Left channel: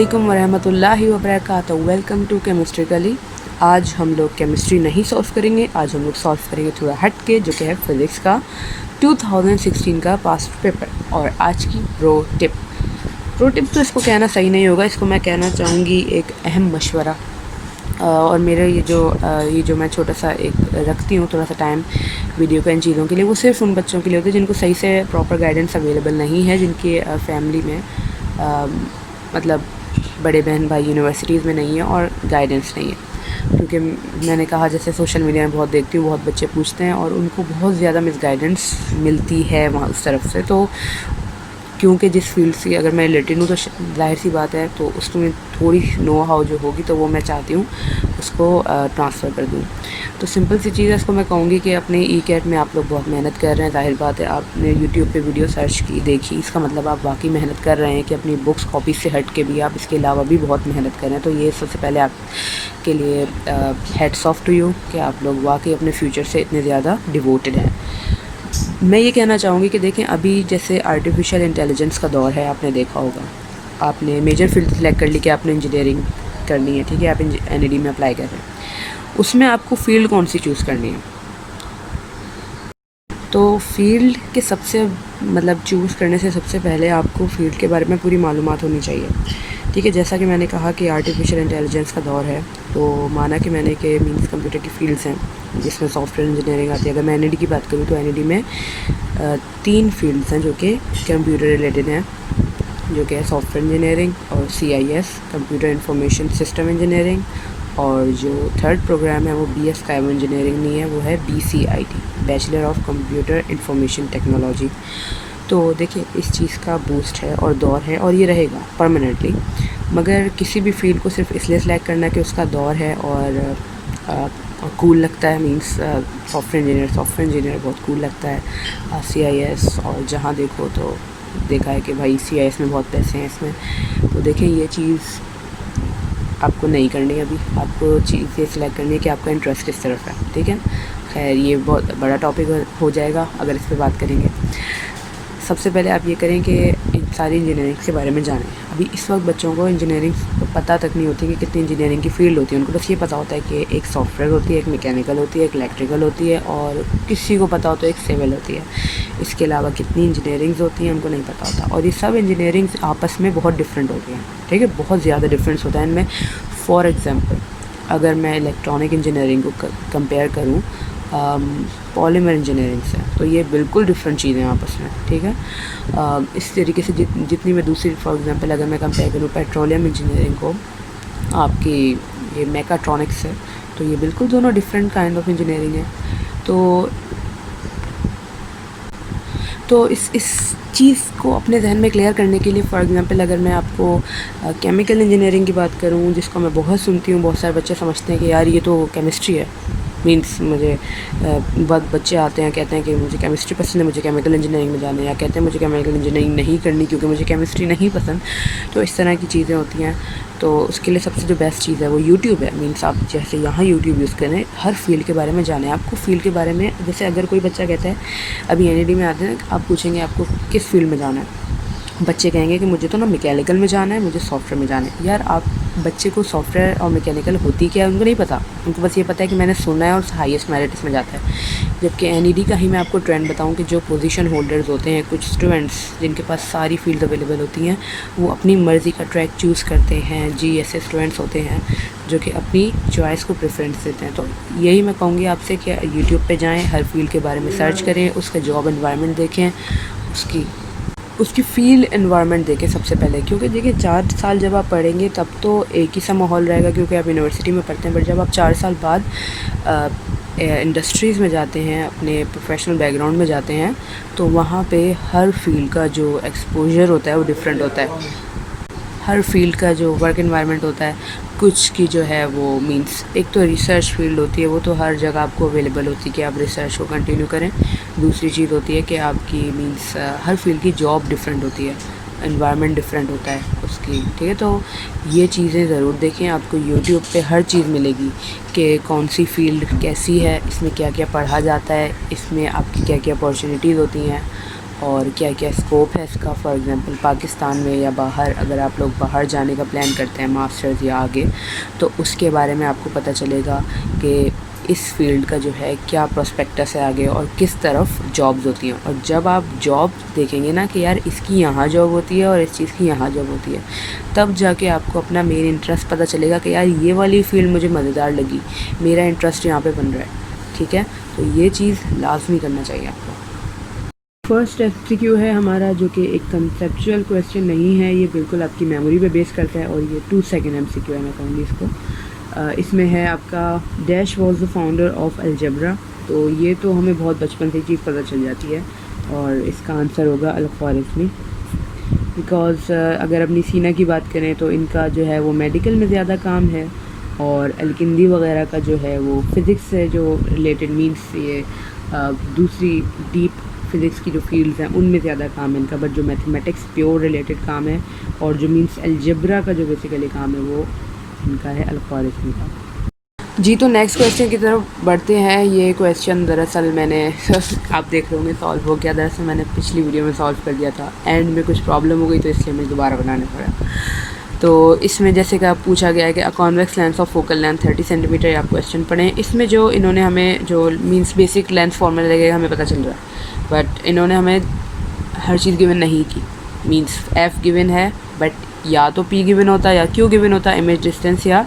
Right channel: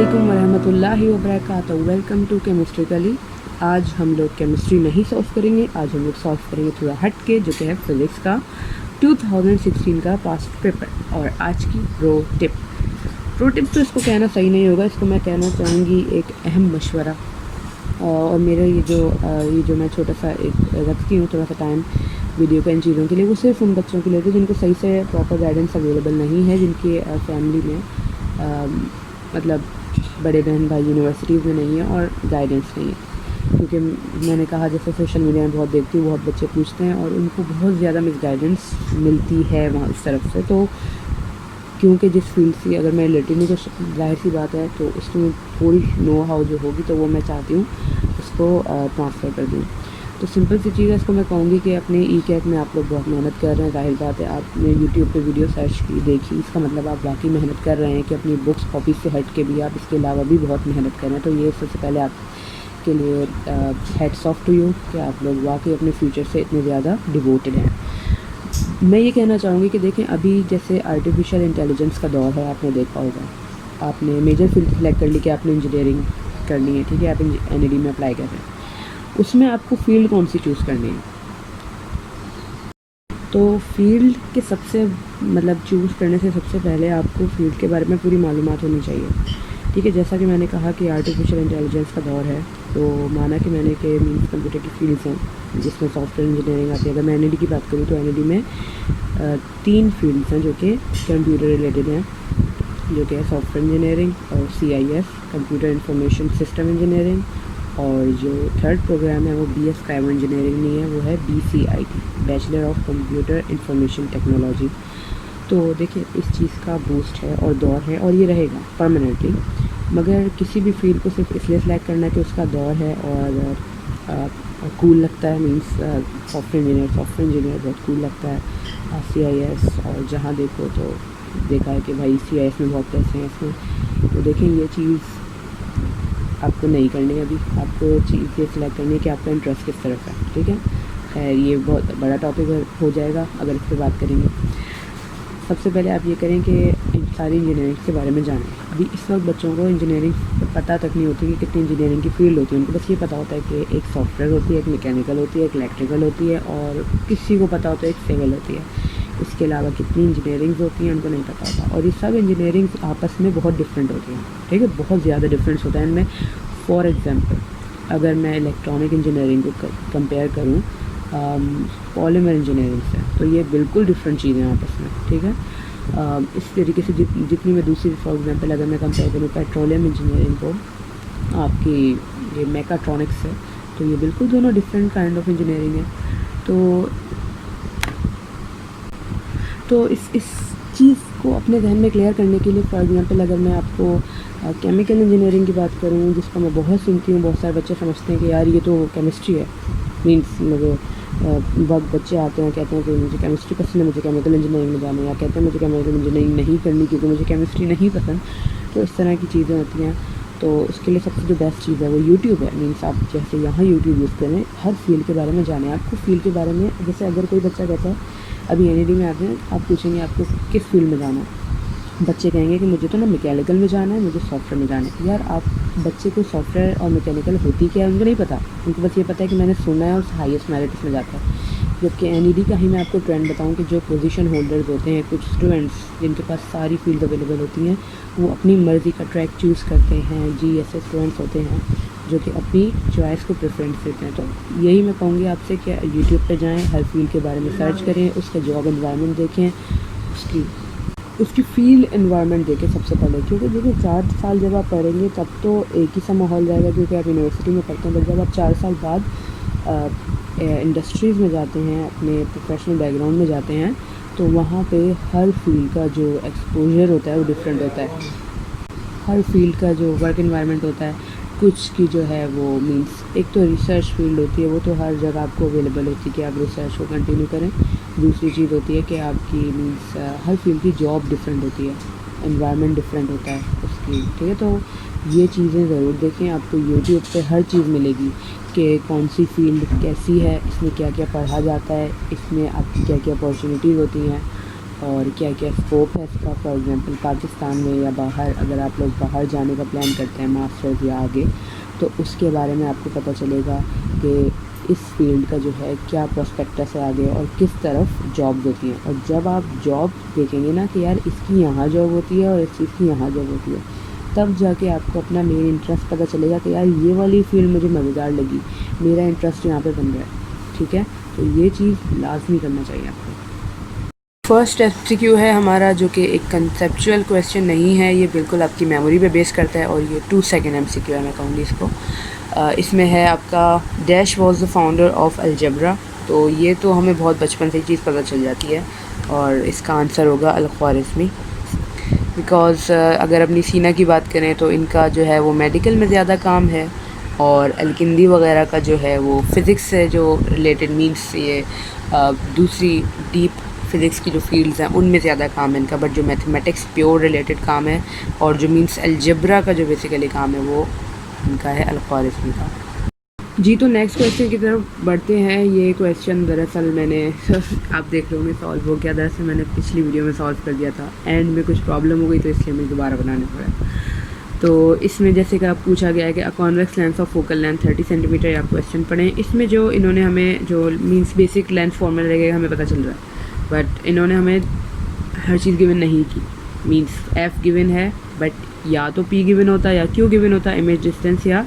अस्सलामुअलैकुम वरहमतुल्लाहि वबरकातुहू। Welcome to chemistry कली। आज हम लोग केमिस्ट्री नहीं सॉल्व करेंगे, आज हम लोग सॉल्व करेंगे थोड़ा हट के, जो कि है फिज़िक्स का 2016 का पास्ट पेपर। और आज की प्रो टिप तो इसको कहना सही नहीं होगा, इसको मैं कहना चाहूँगी एक अहम मशवरा। और मेरा ये जो मैं छोटा सा एक रखती हूँ थोड़ा सा टाइम वीडियो का इन चीज़ों के लिए, वो सिर्फ उन बच्चों के लिए होती है जिनको सही से प्रॉपर गाइडेंस अवेलेबल नहीं है, जिनकी फैमिली में मतलब बड़े बहन भाई यूनिवर्सिटीज़ में नहीं है और गाइडेंस नहीं है। क्योंकि मैंने कहा जैसे सोशल मीडिया में बहुत देखती हूँ, बहुत बच्चे पूछते हैं और उनको बहुत ज़्यादा मिस गाइडेंस मिलती है वहाँ उस तरफ से। तो क्योंकि जिस फील्ड से अगर मैं रिलेटेड हूँ तो जाहिर सी बात है, तो उसमें थोड़ी नो हाउ जो होगी तो वो मैं चाहती हूँ उसको ट्रांसफ़र कर दूँ। तो सिंपल सी चीज़ है, इसको मैं कहूँगी कि अपने ई कैट में आप लोग बहुत मेहनत कर रहे हैं। जाहिर बात है, आपने यूट्यूब पे वीडियो सर्च की, देखी, इसका मतलब आप वाकई मेहनत कर रहे हैं कि अपनी बुक्स कॉपी से हट के भी आप इसके अलावा भी बहुत मेहनत कर रहे हैं। तो ये सबसे पहले आपके लिए हेड्स ऑफ टू यू कि आप लोग वाकई अपने फ्यूचर से इतने ज़्यादा डिवोटेड हैं। मैं ये कहना चाहूँगी कि देखें, अभी जैसे आर्टिफिशियल इंटेलिजेंस का दौर है, आपने देखा होगा, आपने मेजर फील्ड सेलेक्ट कर ली कि आपने इंजीनियरिंग करनी है, ठीक है, आप एनईडी में अप्लाई कर रहे हैं, उसमें आपको फ़ील्ड कौन सी चूज़ करनी है। तो फील्ड के सबसे चूज़ करने से सबसे पहले आपको फ़ील्ड के बारे में पूरी मालूमात होनी चाहिए, ठीक है। जैसा कि मैंने कहा कि आर्टिफिशियल इंटेलिजेंस का दौर है, तो माना कि मैंने कि मींस कंप्यूटर की फील्ड्स हैं जिसमें सॉफ्टवेयर इंजीनियरिंग आती है। अगर मैं एनईडी की बात करूँ तो एनईडी में 3 फील्ड्स हैं जो कि कंप्यूटर रिलेटेड हैं, जो कि है सॉफ्टवेयर इंजीनियरिंग और CIS computer information system engineering, और जो थर्ड प्रोग्राम है वो BS काइबर इंजीनियरिंग नहीं है, वो है BCIT bachelor of computer information technology. तो देखिए, इस चीज़ का बूस्ट है और दौर है और ये रहेगा परमानेंटली। मगर किसी भी फील्ड को सिर्फ इसलिए सेलेक्ट करना कि उसका दौर है और कूल लगता है, मींस सॉफ्टवेयर इंजीनियर बहुत कूल लगता है। CIS और जहाँ देखो तो देखा है कि भाई CIS में बहुत पैसे हैं इसमें। तो देखिए, ये चीज़ आपको नहीं करनी है, अभी आपको चीज़ ये सिलेक्ट करनी है कि आपका इंटरेस्ट किस तरफ है, ठीक है। खैर, ये बहुत बड़ा टॉपिक हो जाएगा अगर इस पर बात करेंगे। सबसे पहले आप ये करें कि इन सारी इंजीनियरिंग के बारे में जानें। अभी इस वक्त बच्चों को इंजीनियरिंग पता तक नहीं होती कि कितनी इंजीनियरिंग की फ़ील्ड होती है। उनको बस ये पता होता है कि एक सॉफ्टवेयर होती है, एक मैकेनिकल होती है, एक इलेक्ट्रिकल होती है, और किसी को पता होता है एक सिविल होती है। इसके अलावा कितनी इंजीनियरिंग्स होती हैं उनको नहीं पता होता। और ये सब इंजीनियरिंग्स आपस में बहुत डिफरेंट होती हैं, ठीक है, बहुत ज़्यादा डिफरेंस होता है इनमें। फॉर एग्ज़ाम्पल, अगर मैं इलेक्ट्रॉनिक इंजीनियरिंग को कंपेयर करूँ पॉलीमर इंजीनियरिंग से, तो ये बिल्कुल डिफरेंट चीज़ें हैं आपस में, ठीक है। इस तरीके से जितनी मैं दूसरी, फॉर एग्जांपल अगर मैं कंपेयर करूँ पेट्रोलियम इंजीनियरिंग को आपकी ये मैकाट्रॉनिक्स से, तो ये बिल्कुल दोनों डिफरेंट काइंड ऑफ इंजीनियरिंग है। तो इस चीज़ को अपने जहन में क्लियर करने के लिए, फॉर एग्जांपल अगर मैं आपको केमिकल इंजीनियरिंग की बात करूँ, जिसको मैं बहुत सुनती हूँ, बहुत सारे बच्चे समझते हैं कि यार ये तो केमिस्ट्री है, मींस मुझे बहुत बच्चे आते हैं कहते हैं कि मुझे केमिस्ट्री पसंद है, मुझे केमिकल इंजीनियरिंग में जाना है, या कहते हैं मुझे केमिकल इंजीनियरिंग नहीं करनी क्योंकि मुझे केमिस्ट्री नहीं पसंद। तो इस तरह की चीज़ें होती हैं। तो उसके लिए सबसे जो बेस्ट चीज़ है वो यूट्यूब है। मींस आप जैसे यहाँ यूट्यूब यूज़ करें, हर फील्ड के बारे में जानें। आपको फील्ड के बारे में, जैसे अगर कोई बच्चा कहता है अभी एनईडी में आते हैं, आप पूछेंगे आपको किस फील्ड में जाना है, बच्चे कहेंगे कि मुझे तो ना मैकेनिकल में जाना है, मुझे सॉफ्टवेयर में जाना है। यार, आप बच्चे को सॉफ्टवेयर और मैकेनिकल होती क्या है उनको नहीं पता, उनको बस ये पता है कि मैंने सुना है और हाईएस्ट मेरिट इसमें जाता है। जबकि एनईडी का ही मैं आपको ट्रेंड बताऊं कि जो पोजीशन होल्डर्स होते हैं, कुछ स्टूडेंट्स जिनके पास सारी फील्ड अवेलेबल होती हैं, वो अपनी मर्ज़ी का ट्रैक चूज़ करते हैं। ऐसे स्टूडेंट्स होते हैं जो कि अपनी चॉइस को प्रेफरेंस देते हैं। तो यही मैं कहूँगी आपसे कि यूट्यूब पर जाएँ, हर फील्ड के बारे में सर्च करें, उसका जॉब एनवायरनमेंट देखें, उसकी फील्ड एनवायरनमेंट देखें सबसे पहले। क्योंकि देखिए, 4 साल जब आप पढ़ेंगे तब तो एक ही सा माहौल रहेगा क्योंकि आप यूनिवर्सिटी में पढ़ते हैं। बट जब आप 4 साल बाद इंडस्ट्रीज़ में जाते हैं, अपने प्रोफेशनल बैकग्राउंड में जाते हैं, तो वहाँ पे हर फील्ड का जो एक्सपोजर होता है वो डिफरेंट होता है। हर फील्ड का जो वर्क एनवायरनमेंट होता है, कुछ की जो है वो मींस, एक तो रिसर्च फील्ड होती है, वो तो हर जगह आपको अवेलेबल होती है कि आप रिसर्च को कंटिन्यू करें। दूसरी चीज़ होती है कि आपकी मींस हर फील्ड की जॉब डिफरेंट होती है, एनवायरनमेंट डिफरेंट होता है उसकी, ठीक है। तो ये चीज़ें ज़रूर देखें, आपको यूट्यूब पे हर चीज़ मिलेगी कि कौन सी फील्ड कैसी है, इसमें क्या क्या पढ़ा जाता है, इसमें आपकी क्या क्या अपॉर्चुनिटीज़ होती हैं। और क्या क्या स्कोप है इसका। फॉर एग्ज़ाम्पल पाकिस्तान में या बाहर, अगर आप लोग बाहर जाने का प्लान करते हैं मास्टर्स या आगे, तो उसके बारे में आपको पता चलेगा कि इस फील्ड का जो है क्या प्रोस्पेक्टस है आगे और किस तरफ जॉब्स होती हैं। और जब आप जॉब देखेंगे ना कि यार इसकी यहाँ जॉब होती है और इस चीज़ की यहाँ जॉब होती है, तब जाके आपको अपना मेन इंटरेस्ट पता चलेगा कि यार ये वाली फ़ील्ड मुझे मज़ेदार लगी, मेरा इंटरेस्ट यहाँ पे बन रहा है। ठीक है, तो ये चीज़ लाजमी करना चाहिए आपको। फर्स्ट एमसीक्यू है हमारा, जो कि एक कंसेप्चुअल क्वेश्चन नहीं है, ये बिल्कुल आपकी मेमोरी पे बेस करता है, और ये 2 सेकंड एमसीक्यू है, मैं कहूँगी इसको। इसमें है आपका dash was the founder of algebra. तो ये तो हमें बहुत बचपन से ही चीज़ पता चल जाती है, और इसका आंसर होगा अल-ख्वारिज़मी। बिकॉज़ अगर अपनी सीना की बात करें तो इनका जो है वो मेडिकल में ज़्यादा काम है, और अलकिंदी वगैरह का जो है वो फ़िज़िक्स से जो रिलेटेड, मीन्स ये दूसरी डीप फ़िज़िक्स की जो फील्ड्स हैं उनमें ज़्यादा काम है इनका। बट जो मैथमेटिक्स प्योर रिलेटेड काम है और जो मीन्स अलजेब्रा का जो बेसिकली काम है वो इनका है अल-ख्वारिज़मी का। जी, तो नेक्स्ट क्वेश्चन की तरफ बढ़ते हैं। ये क्वेश्चन दरअसल मैंने आप देख रहे होंगे सॉल्व हो गया। दरअसल मैंने पिछली वीडियो में सॉल्व कर दिया था, एंड में कुछ प्रॉब्लम हो गई तो इसलिए मुझे दोबारा बनाना पड़ा। तो इसमें जैसे कि आप पूछा गया है कि a convex lens of focal length 30 centimetre, आप क्वेश्चन पढ़ें। इसमें जो इन्होंने हमें जो मीन्स बेसिक लेंस फॉर्मूला लगेगा हमें पता चल रहा है, बट इन्होंने हमें हर चीज़ गिवन नहीं की। मीन्स एफ़ गिवन है, बट या तो पी गिवन होता या क्यू गिवन होता, इमेज डिस्टेंस या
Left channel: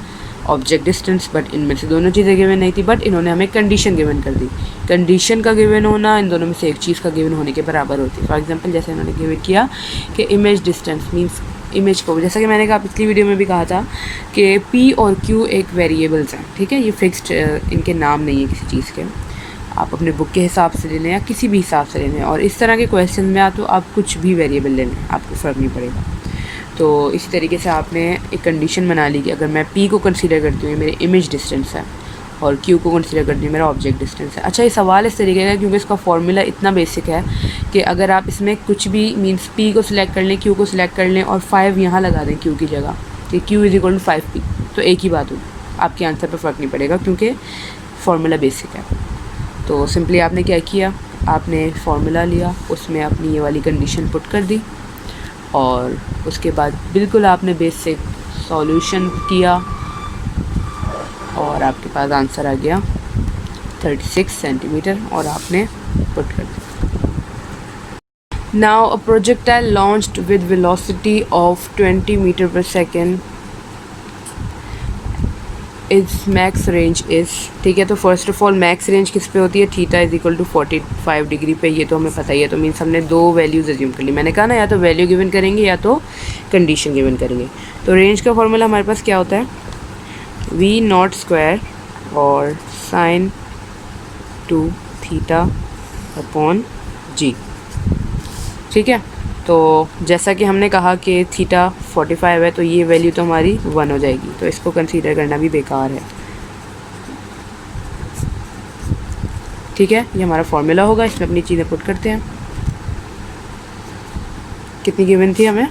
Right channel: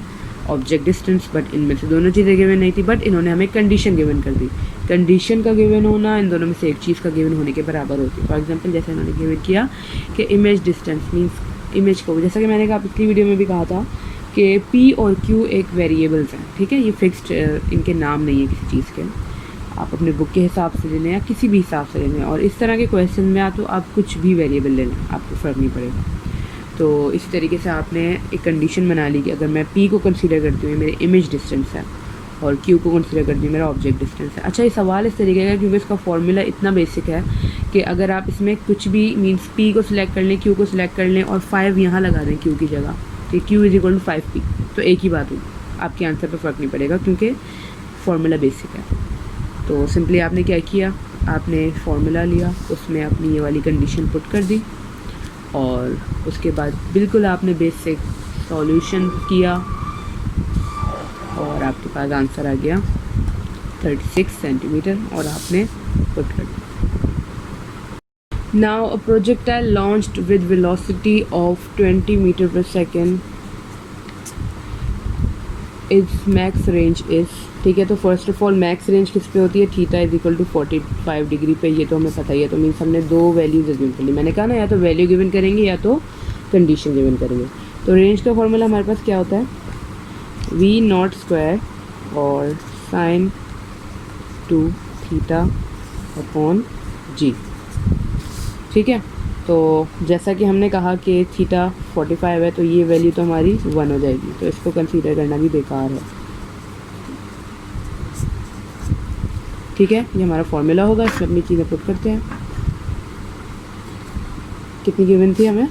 ऑब्जेक्ट डिस्टेंस, बट इनमें से दोनों चीज़ें गिवन नहीं थी। बट इन्होंने हमें कंडीशन गिवन कर दी। कंडीशन का गिवन होना इन दोनों में से एक चीज़ का गिवन होने के बराबर होती है। फॉर एग्जांपल जैसे इन्होंने गिवन किया कि इमेज डिस्टेंस मीन्स इमेज को, जैसा कि मैंने कहा पिछली वीडियो में भी कहा था कि पी और क्यू एक वेरिएबल्स हैं। ठीक है, ये फिक्स्ड इनके नाम नहीं है किसी चीज़ के, आप अपने बुक के हिसाब से ले लें या किसी भी हिसाब से ले लें। और इस तरह के क्वेश्चन में तो आप कुछ भी वेरिएबल ले लें, आपको फ़र्क नहीं पड़ेगा। तो इसी तरीके से आपने एक कंडीशन बना ली कि अगर मैं P को कंसीडर करती हूँ मेरे इमेज डिस्टेंस है, और Q को कंसीडर करती हूँ मेरा ऑब्जेक्ट डिस्टेंस है। अच्छा, ये सवाल इस तरीके का है क्योंकि इसका फॉर्मूला इतना बेसिक है कि अगर आप इसमें कुछ भी मीन्स P को सिलेक्ट कर लें, Q को सिलेक्ट कर लें और 5 यहाँ लगा दें Q की जगह कि Q is equal to 5P, तो एक ही बात होगी, आपके आंसर पर फ़र्क नहीं पड़ेगा क्योंकि फार्मूला बेसिक है। तो सिंपली आपने क्या किया, आपने फार्मूला लिया, उसमें आपने ये वाली कंडीशन पुट कर दी, और उसके बाद बिल्कुल आपने बेसिक सॉल्यूशन किया और आपके पास आंसर आ गया 36 सेंटीमीटर, और आपने पुट कर दिया। Now a projectile launched with velocity of 20 metre per second is max range is. ठीक है, तो first of all max range किस पे होती है, theta is equal to 45 degree पे, ये तो हमें पता ही है। तो मीन्स हमने दो वैल्यूज़ एज्यूम कर ली। मैंने कहा ना, या तो वैल्यू गिवन करेंगे या तो कंडीशन गिवन करेंगे। तो रेंज का फॉर्मूला हमारे पास क्या होता है, वी नॉट स्क्वायर और साइन 2 थीटा अपॉन जी। ठीक है, तो जैसा कि हमने कहा कि थीटा 45 है, तो ये वैल्यू तो हमारी 1 हो जाएगी, तो इसको कंसीडर करना भी बेकार है। ठीक है, ये हमारा फॉर्मूला होगा, इसमें अपनी चीज़ें पुट करते हैं। कितनी गिवन थी हमें,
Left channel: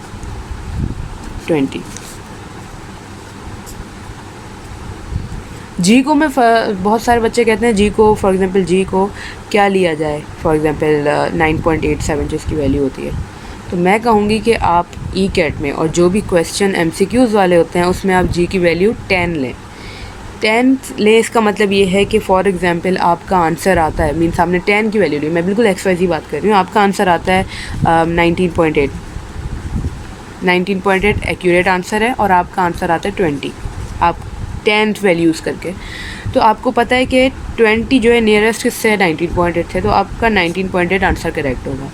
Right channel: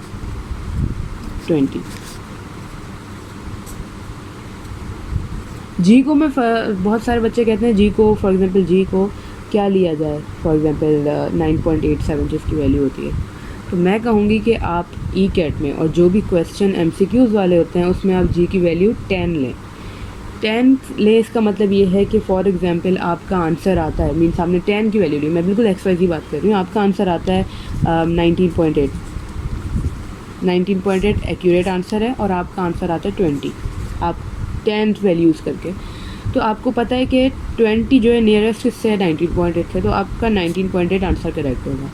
20। जी को मैं बहुत सारे बच्चे कहते हैं जी को, फॉर एग्जांपल जी को क्या लिया जाए, फॉर एग्जांपल 9.87 जो इसकी वैल्यू होती है। तो मैं कहूँगी कि आप ई कैट में और जो भी क्वेश्चन MCQs वाले होते हैं उसमें आप जी की वैल्यू 10 लें। 10 लें, इसका मतलब ये है कि फॉर एग्जांपल आपका आंसर आता है, मीन्स आपने 10 की वैल्यू ली, मैं बिल्कुल XYZ बात कर रही हूँ, आपका आंसर आता है 19.8 एक्यूरेट आंसर है, और आपका आंसर आता है 20, आप 10th वैल्यू यूज़ करके। तो आपको पता है कि 20 जो है नियरेस्ट किससे है, 19.8 है, तो आपका 19.8 आंसर करेक्ट होगा।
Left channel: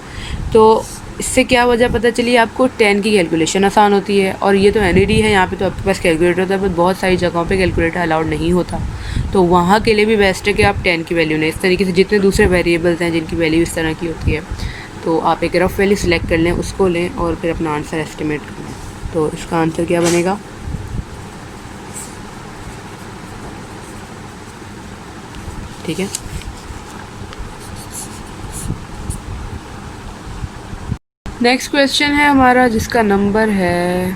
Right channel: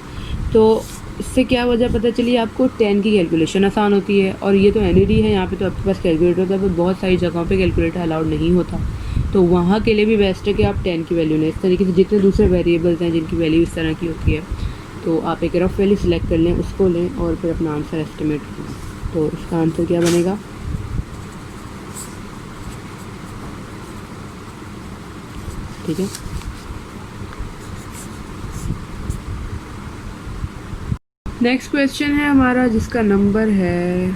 तो इससे क्या वजह पता चली, आपको 10 की कैलकुलेशन आसान होती है, और ये तो NAD है, यहाँ पे तो आपके पास कैलकुलेटर होता है, पर बहुत सारी जगहों पे कैलकुलेटर अलाउड नहीं होता, तो वहाँ के लिए भी बेस्ट है कि आप 10 की वैल्यू लें। इस तरीके से जितने दूसरे वेरिएबल्स हैं जिनकी वैल्यू इस तरह की होती है, तो आप एक रफ वैल्यू सिलेक्ट कर लें, उसको लें और फिर अपना आंसर एस्टिमेट करें। तो इसका आंसर क्या बनेगा, ठीक है। नेक्स्ट क्वेश्चन है हमारा जिसका नंबर है,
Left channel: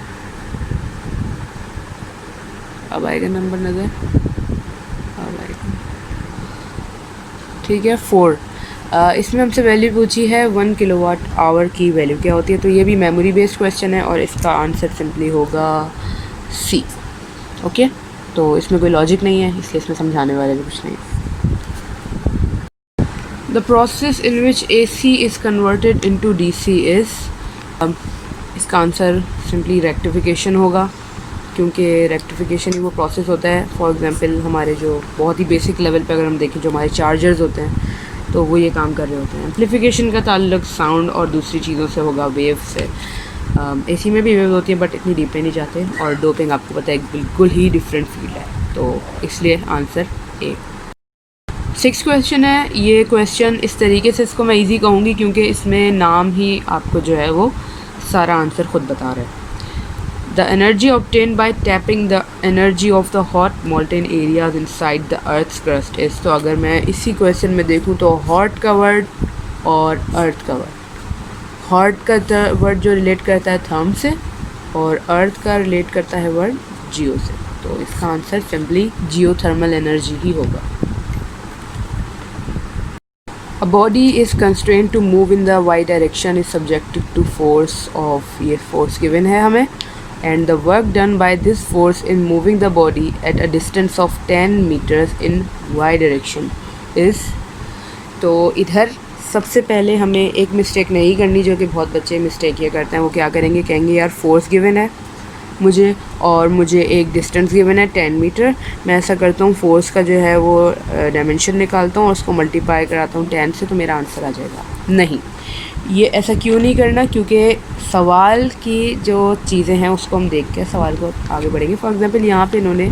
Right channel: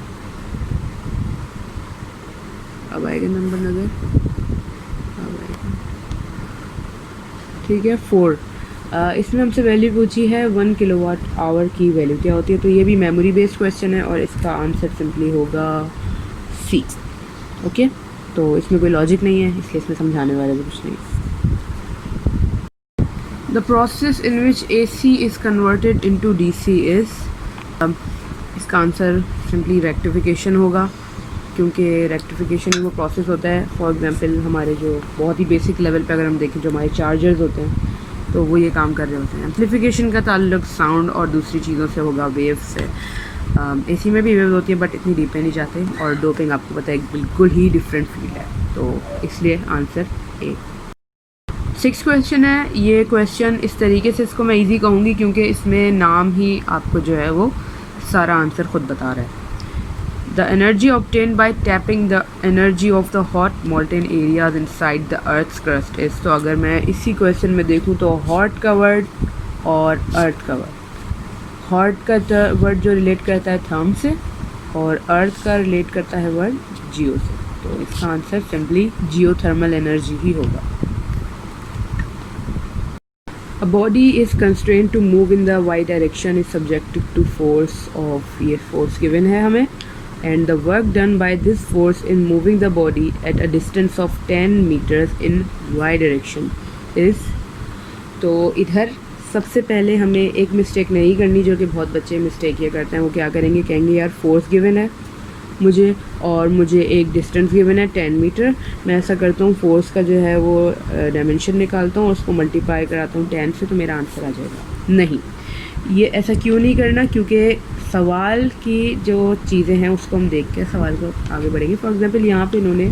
अब आएगा नंबर नज़र, अब आएगा, ठीक है, 4। इसमें हमसे वैल्यू पूछी है 1 किलोवाट आवर की वैल्यू क्या होती है, तो ये भी मेमोरी बेस्ड क्वेश्चन है और इसका आंसर सिंपली होगा सी। ओके, तो इसमें कोई लॉजिक नहीं है, इसलिए इसमें समझाने वाले भी कुछ नहीं। The process in which AC is converted into DC is, इसका आंसर सिंपली रेक्टिफिकेशन होगा, क्योंकि रेक्टिफिकेशन ही वो प्रोसेस होता है। फॉर एग्जांपल हमारे जो बहुत ही बेसिक लेवल पे अगर हम देखें, जो हमारे चार्जर्स होते हैं तो वो ये काम कर रहे होते हैं। एम्प्लीफिकेशन का ताल्लुक साउंड और दूसरी चीज़ों से होगा, वेव से। AC में भी वेव होती है बट इतनी डीप में नहीं जाते, और डोपिंग आपको पता है बिल्कुल ही डिफरेंट फील्ड है, तो इसलिए आंसर ए। 6 क्वेश्चन है। ये क्वेश्चन इस तरीके से इसको मैं इजी कहूँगी क्योंकि इसमें नाम ही आपको जो है वो सारा आंसर खुद बता रहा है। The energy obtain by tapping the energy of the hot molten areas inside the earth's crust is. तो अगर मैं इसी क्वेश्चन में देखूँ तो हॉट का वर्ड और अर्थ का वर्ड, हॉट का वर्ड जो रिलेट करता है थर्म से और अर्थ का रिलेट करता है वर्ड जियो से, तो इसका आंसर सिंपली जियोथर्मल एनर्जी ही होगा। A body is constrained to move in the y direction is subjected to force of, ये force given है हमें, and the work done by this force in moving the body at a distance of 10 meters in y direction is। तो इधर सबसे पहले हमें एक mistake नहीं करनी, जो कि बहुत बच्चे मिस्टेक ये करते हैं। वो क्या करेंगे, कहेंगे यार फोर्स गिवन है मुझे और मुझे एक डिस्टेंस गिवन है 10 मीटर, मैं ऐसा करता हूँ फोर्स का जो है वो डायमेंशन निकालता हूँ और उसको मल्टीप्लाई कराता हूँ 10 से, तो मेरा आंसर आ जाएगा। नहीं, ये ऐसा क्यों नहीं करना, क्योंकि सवाल की जो चीज़ें हैं उसको हम देख के सवाल को आगे बढ़ेंगे। फॉर एग्जांपल यहाँ पे इन्होंने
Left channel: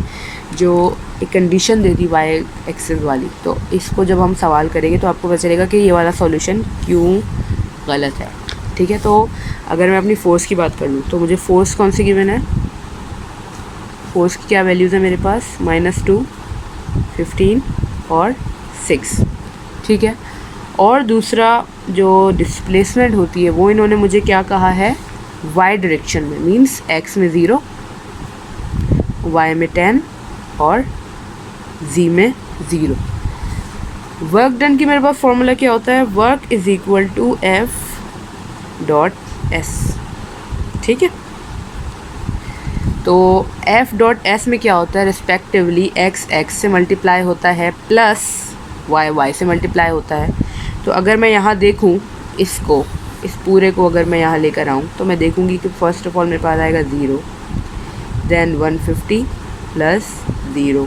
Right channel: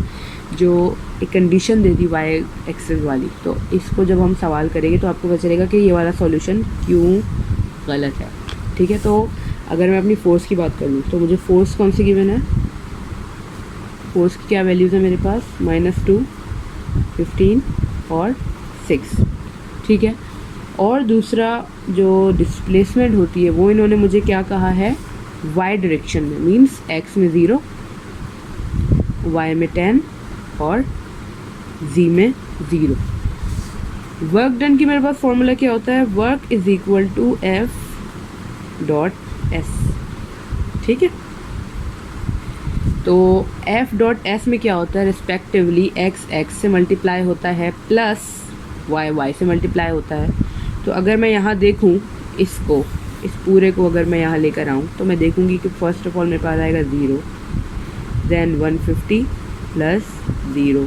जो एक कंडीशन दे दी वाई एक्सिस वाली, तो इसको जब हम सवाल करेंगे तो आपको पता चलेगा कि ये वाला सॉल्यूशन क्यों गलत है। ठीक है, तो अगर मैं अपनी फ़ोर्स की बात कर लूँ तो मुझे फ़ोर्स कौन सी गिवन है, फ़ोर्स की क्या वैल्यूज़ है मेरे पास, -2, 15 और 6। ठीक है, और दूसरा जो डिस्प्लेसमेंट होती है वो इन्होंने मुझे क्या कहा है, वाई डायरेक्शन में, मींस एक्स में 0, वाई में 10 और जी में 0। वर्क डन की मेरे पास फॉर्मूला क्या होता है, work is equal to F.S। ठीक है, तो F.S में क्या होता है, रिस्पेक्टिवली x से मल्टीप्लाई होता है प्लस y से मल्टीप्लाई होता है। तो अगर मैं यहाँ देखूँ इसको, इस पूरे को अगर मैं यहाँ लेकर आऊँ तो मैं देखूँगी कि फर्स्ट ऑफ ऑल मेरे पास आएगा 0, देन 150 प्लस 0,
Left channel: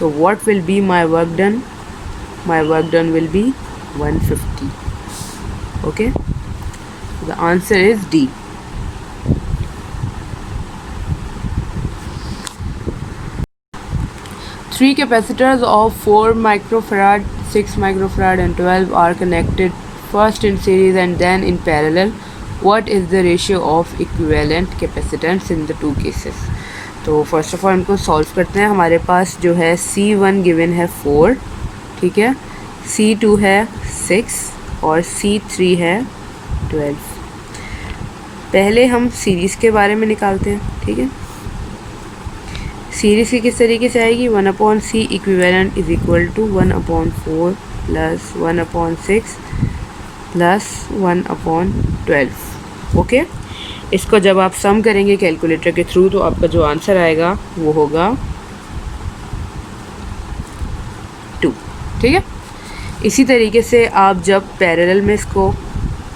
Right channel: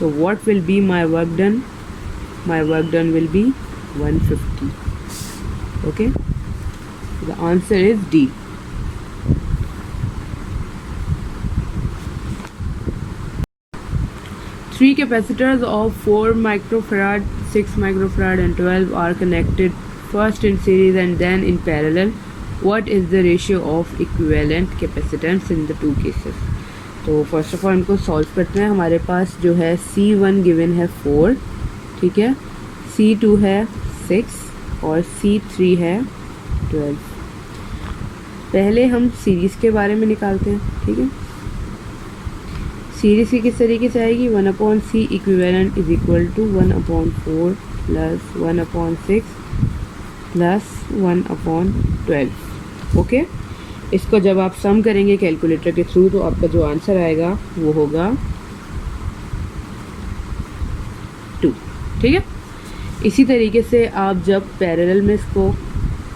तो what will be my work done, my work done will be 150। Okay, the answer is D. Three capacitors of 4 microfarad, 6 microfarad and 12 are connected first in series and then in parallel. What is the ratio of equivalent capacitance in the two cases? तो first of all इनको solve करते हैं। हमारे पास जो है C1 given है 4, ठीक है, C2 है 6 और C3 है 12। पहले हम सीरीज़ के बारे में निकालते हैं। ठीक है, सीरीज़ की किस तरीके से आएगी, 1/C equivalent is equal to 1/4 plus 1/6 plus 1/12। Okay, इसको जब आप सम करेंगे कैलकुलेटर के थ्रू तो आपका जो आंसर आएगा वो होगा 2। ठीक है, इसी तरीके से आप जब पैरेलल में इसको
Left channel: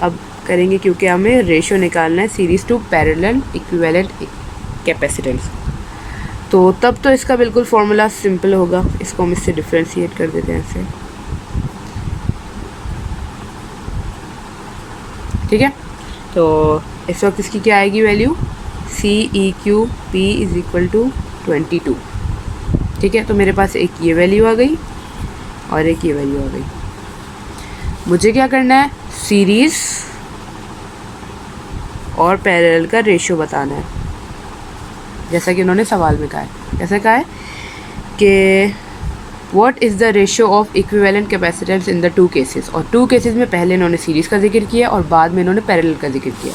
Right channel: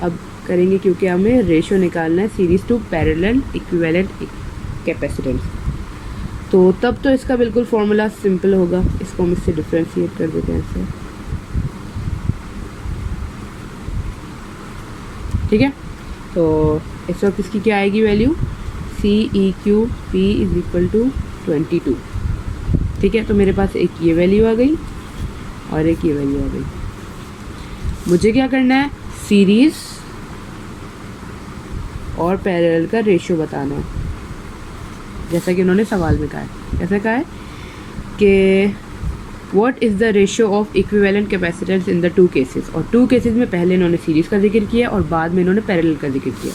अब करेंगे, क्योंकि हमें रेशियो निकालना है series to parallel equivalent capacitance, तो तब तो इसका बिल्कुल फार्मूला सिंपल होगा। इसको हम इससे डिफ्रेंशिएट कर देते हैं इससे। ठीक है, तो इस वक्त इसकी क्या आएगी value, CEQP is equal to 22। ठीक है, तो मेरे पास एक ये वैल्यू आ गई और एक ये वैल्यू आ गई। मुझे क्या करना है, सीरीज़ और पैरेलल का रेशियो बताना है, जैसा कि उन्होंने सवाल में कहा है। कैसे कहा है कि what is the ratio of equivalent capacitance in the two cases, और टू केसेस में पहले इन्होंने सीरीज़ का जिक्र किया और बाद में इन्होंने पैरेलल का जिक्र किया,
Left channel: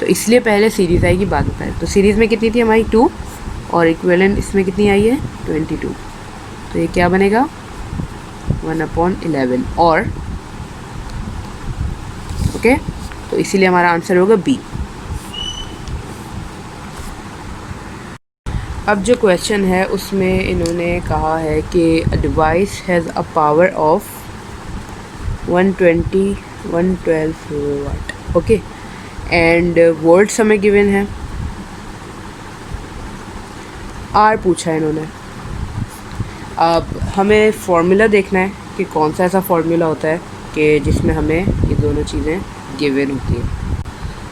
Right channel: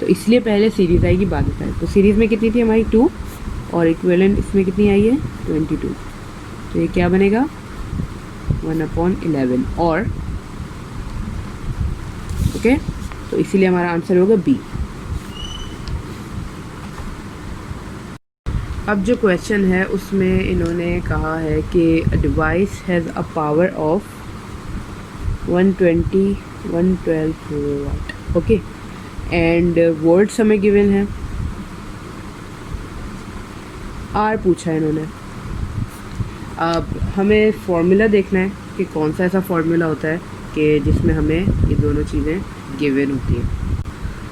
तो इसलिए पहले सीरीज़ आएगी बाद में पैरेलल। तो सीरीज़ में कितनी थी हमारी 2 और इक्विवेलेंट इसमें कितनी आई है 22, तो ये क्या बनेगा 1/11। और ओके, तो इसीलिए हमारा आंसर होगा बी। अब जो क्वेश्चन है उसमें इन्होंने कहा है कि a device has a power of 112 watt, okay, and volts हमें गिवन है, आर पूछा है इन्होंने। अब हमें फार्मूला देखना है कि कौन सा ऐसा फार्मूला होता है कि जिसमें हमें ये दोनों चीज़ें गिवन होती हैं।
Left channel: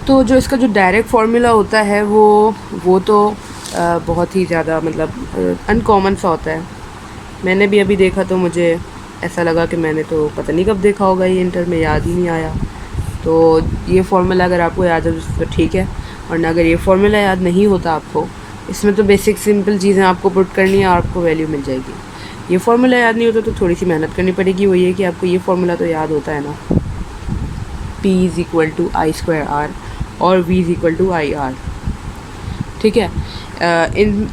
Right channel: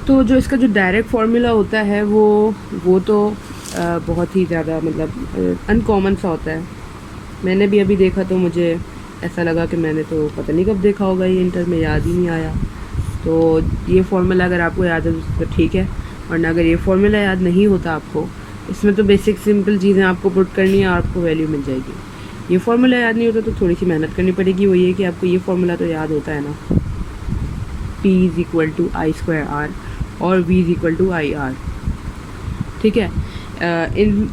तो जो इसका जो डायरेक्ट फार्मूला होता है वो तो बहुत ही ज़्यादा मतलब अनकॉमन सा होता है। मैंने भी अभी देखा तो मुझे ऐसा लगा कि मैंने तो पता नहीं कब देखा होगा, ये इंटर में याद ही नहीं आया। तो ये फार्मूला अगर आपको याद है तो ठीक है, वरना अगर ये फार्मूला याद नहीं होता आपको, इसमें तो बेसिक सिंपल चीज़ें आपको पुट करनी है और आपको वैल्यू मिल जाएगी। ये फार्मूला याद नहीं होता तो थोड़ी सी मेहनत करनी पड़ेगी। वो ये कि आपको ये फार्मूला तो याद होता है ना, P=I²R और V=IR, ठीक है।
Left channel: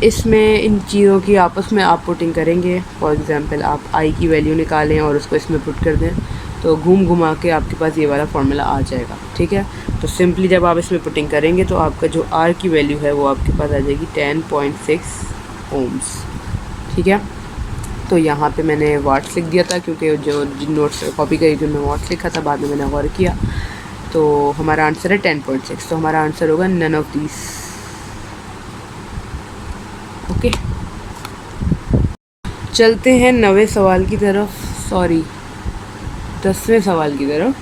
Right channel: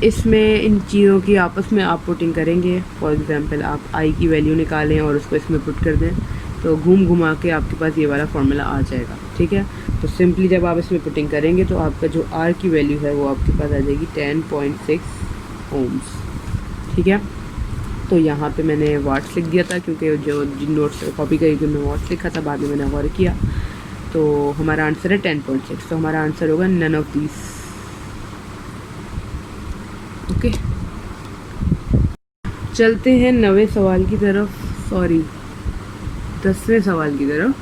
इसमें इन चीज़ों की आपस में आप पुटिंग करेंगे। फॉर एग्ज़ाम्पल आप आई की वैल्यू निकालें और उसको इसमें पुट कर दें, तो घूम घुमा के आपके पास ये वाला फार्मूला आ जाएगा, ठीक है। तो सिंपली जब आप इसमें पुटिंग करेंगे तो आपका जो आर की वैल्यू है वो आपके पास आ जाएगी 10.6 ओम्स, ठीक है। तो यहाँ पे मैंने वाट्स लिख दिया था क्योंकि जो जिन नोट्स कॉपी करी थी मैं वाट्स लिखा था, बाद में मैंने गौर किया। तो हमारा आंसर है 10.6, तो हमारा आंसर होगा नन ऑफ दीज, ओके। चलते हैं 9वें सवाल की तरफ, सॉरी 10वें सवाल की तरफ,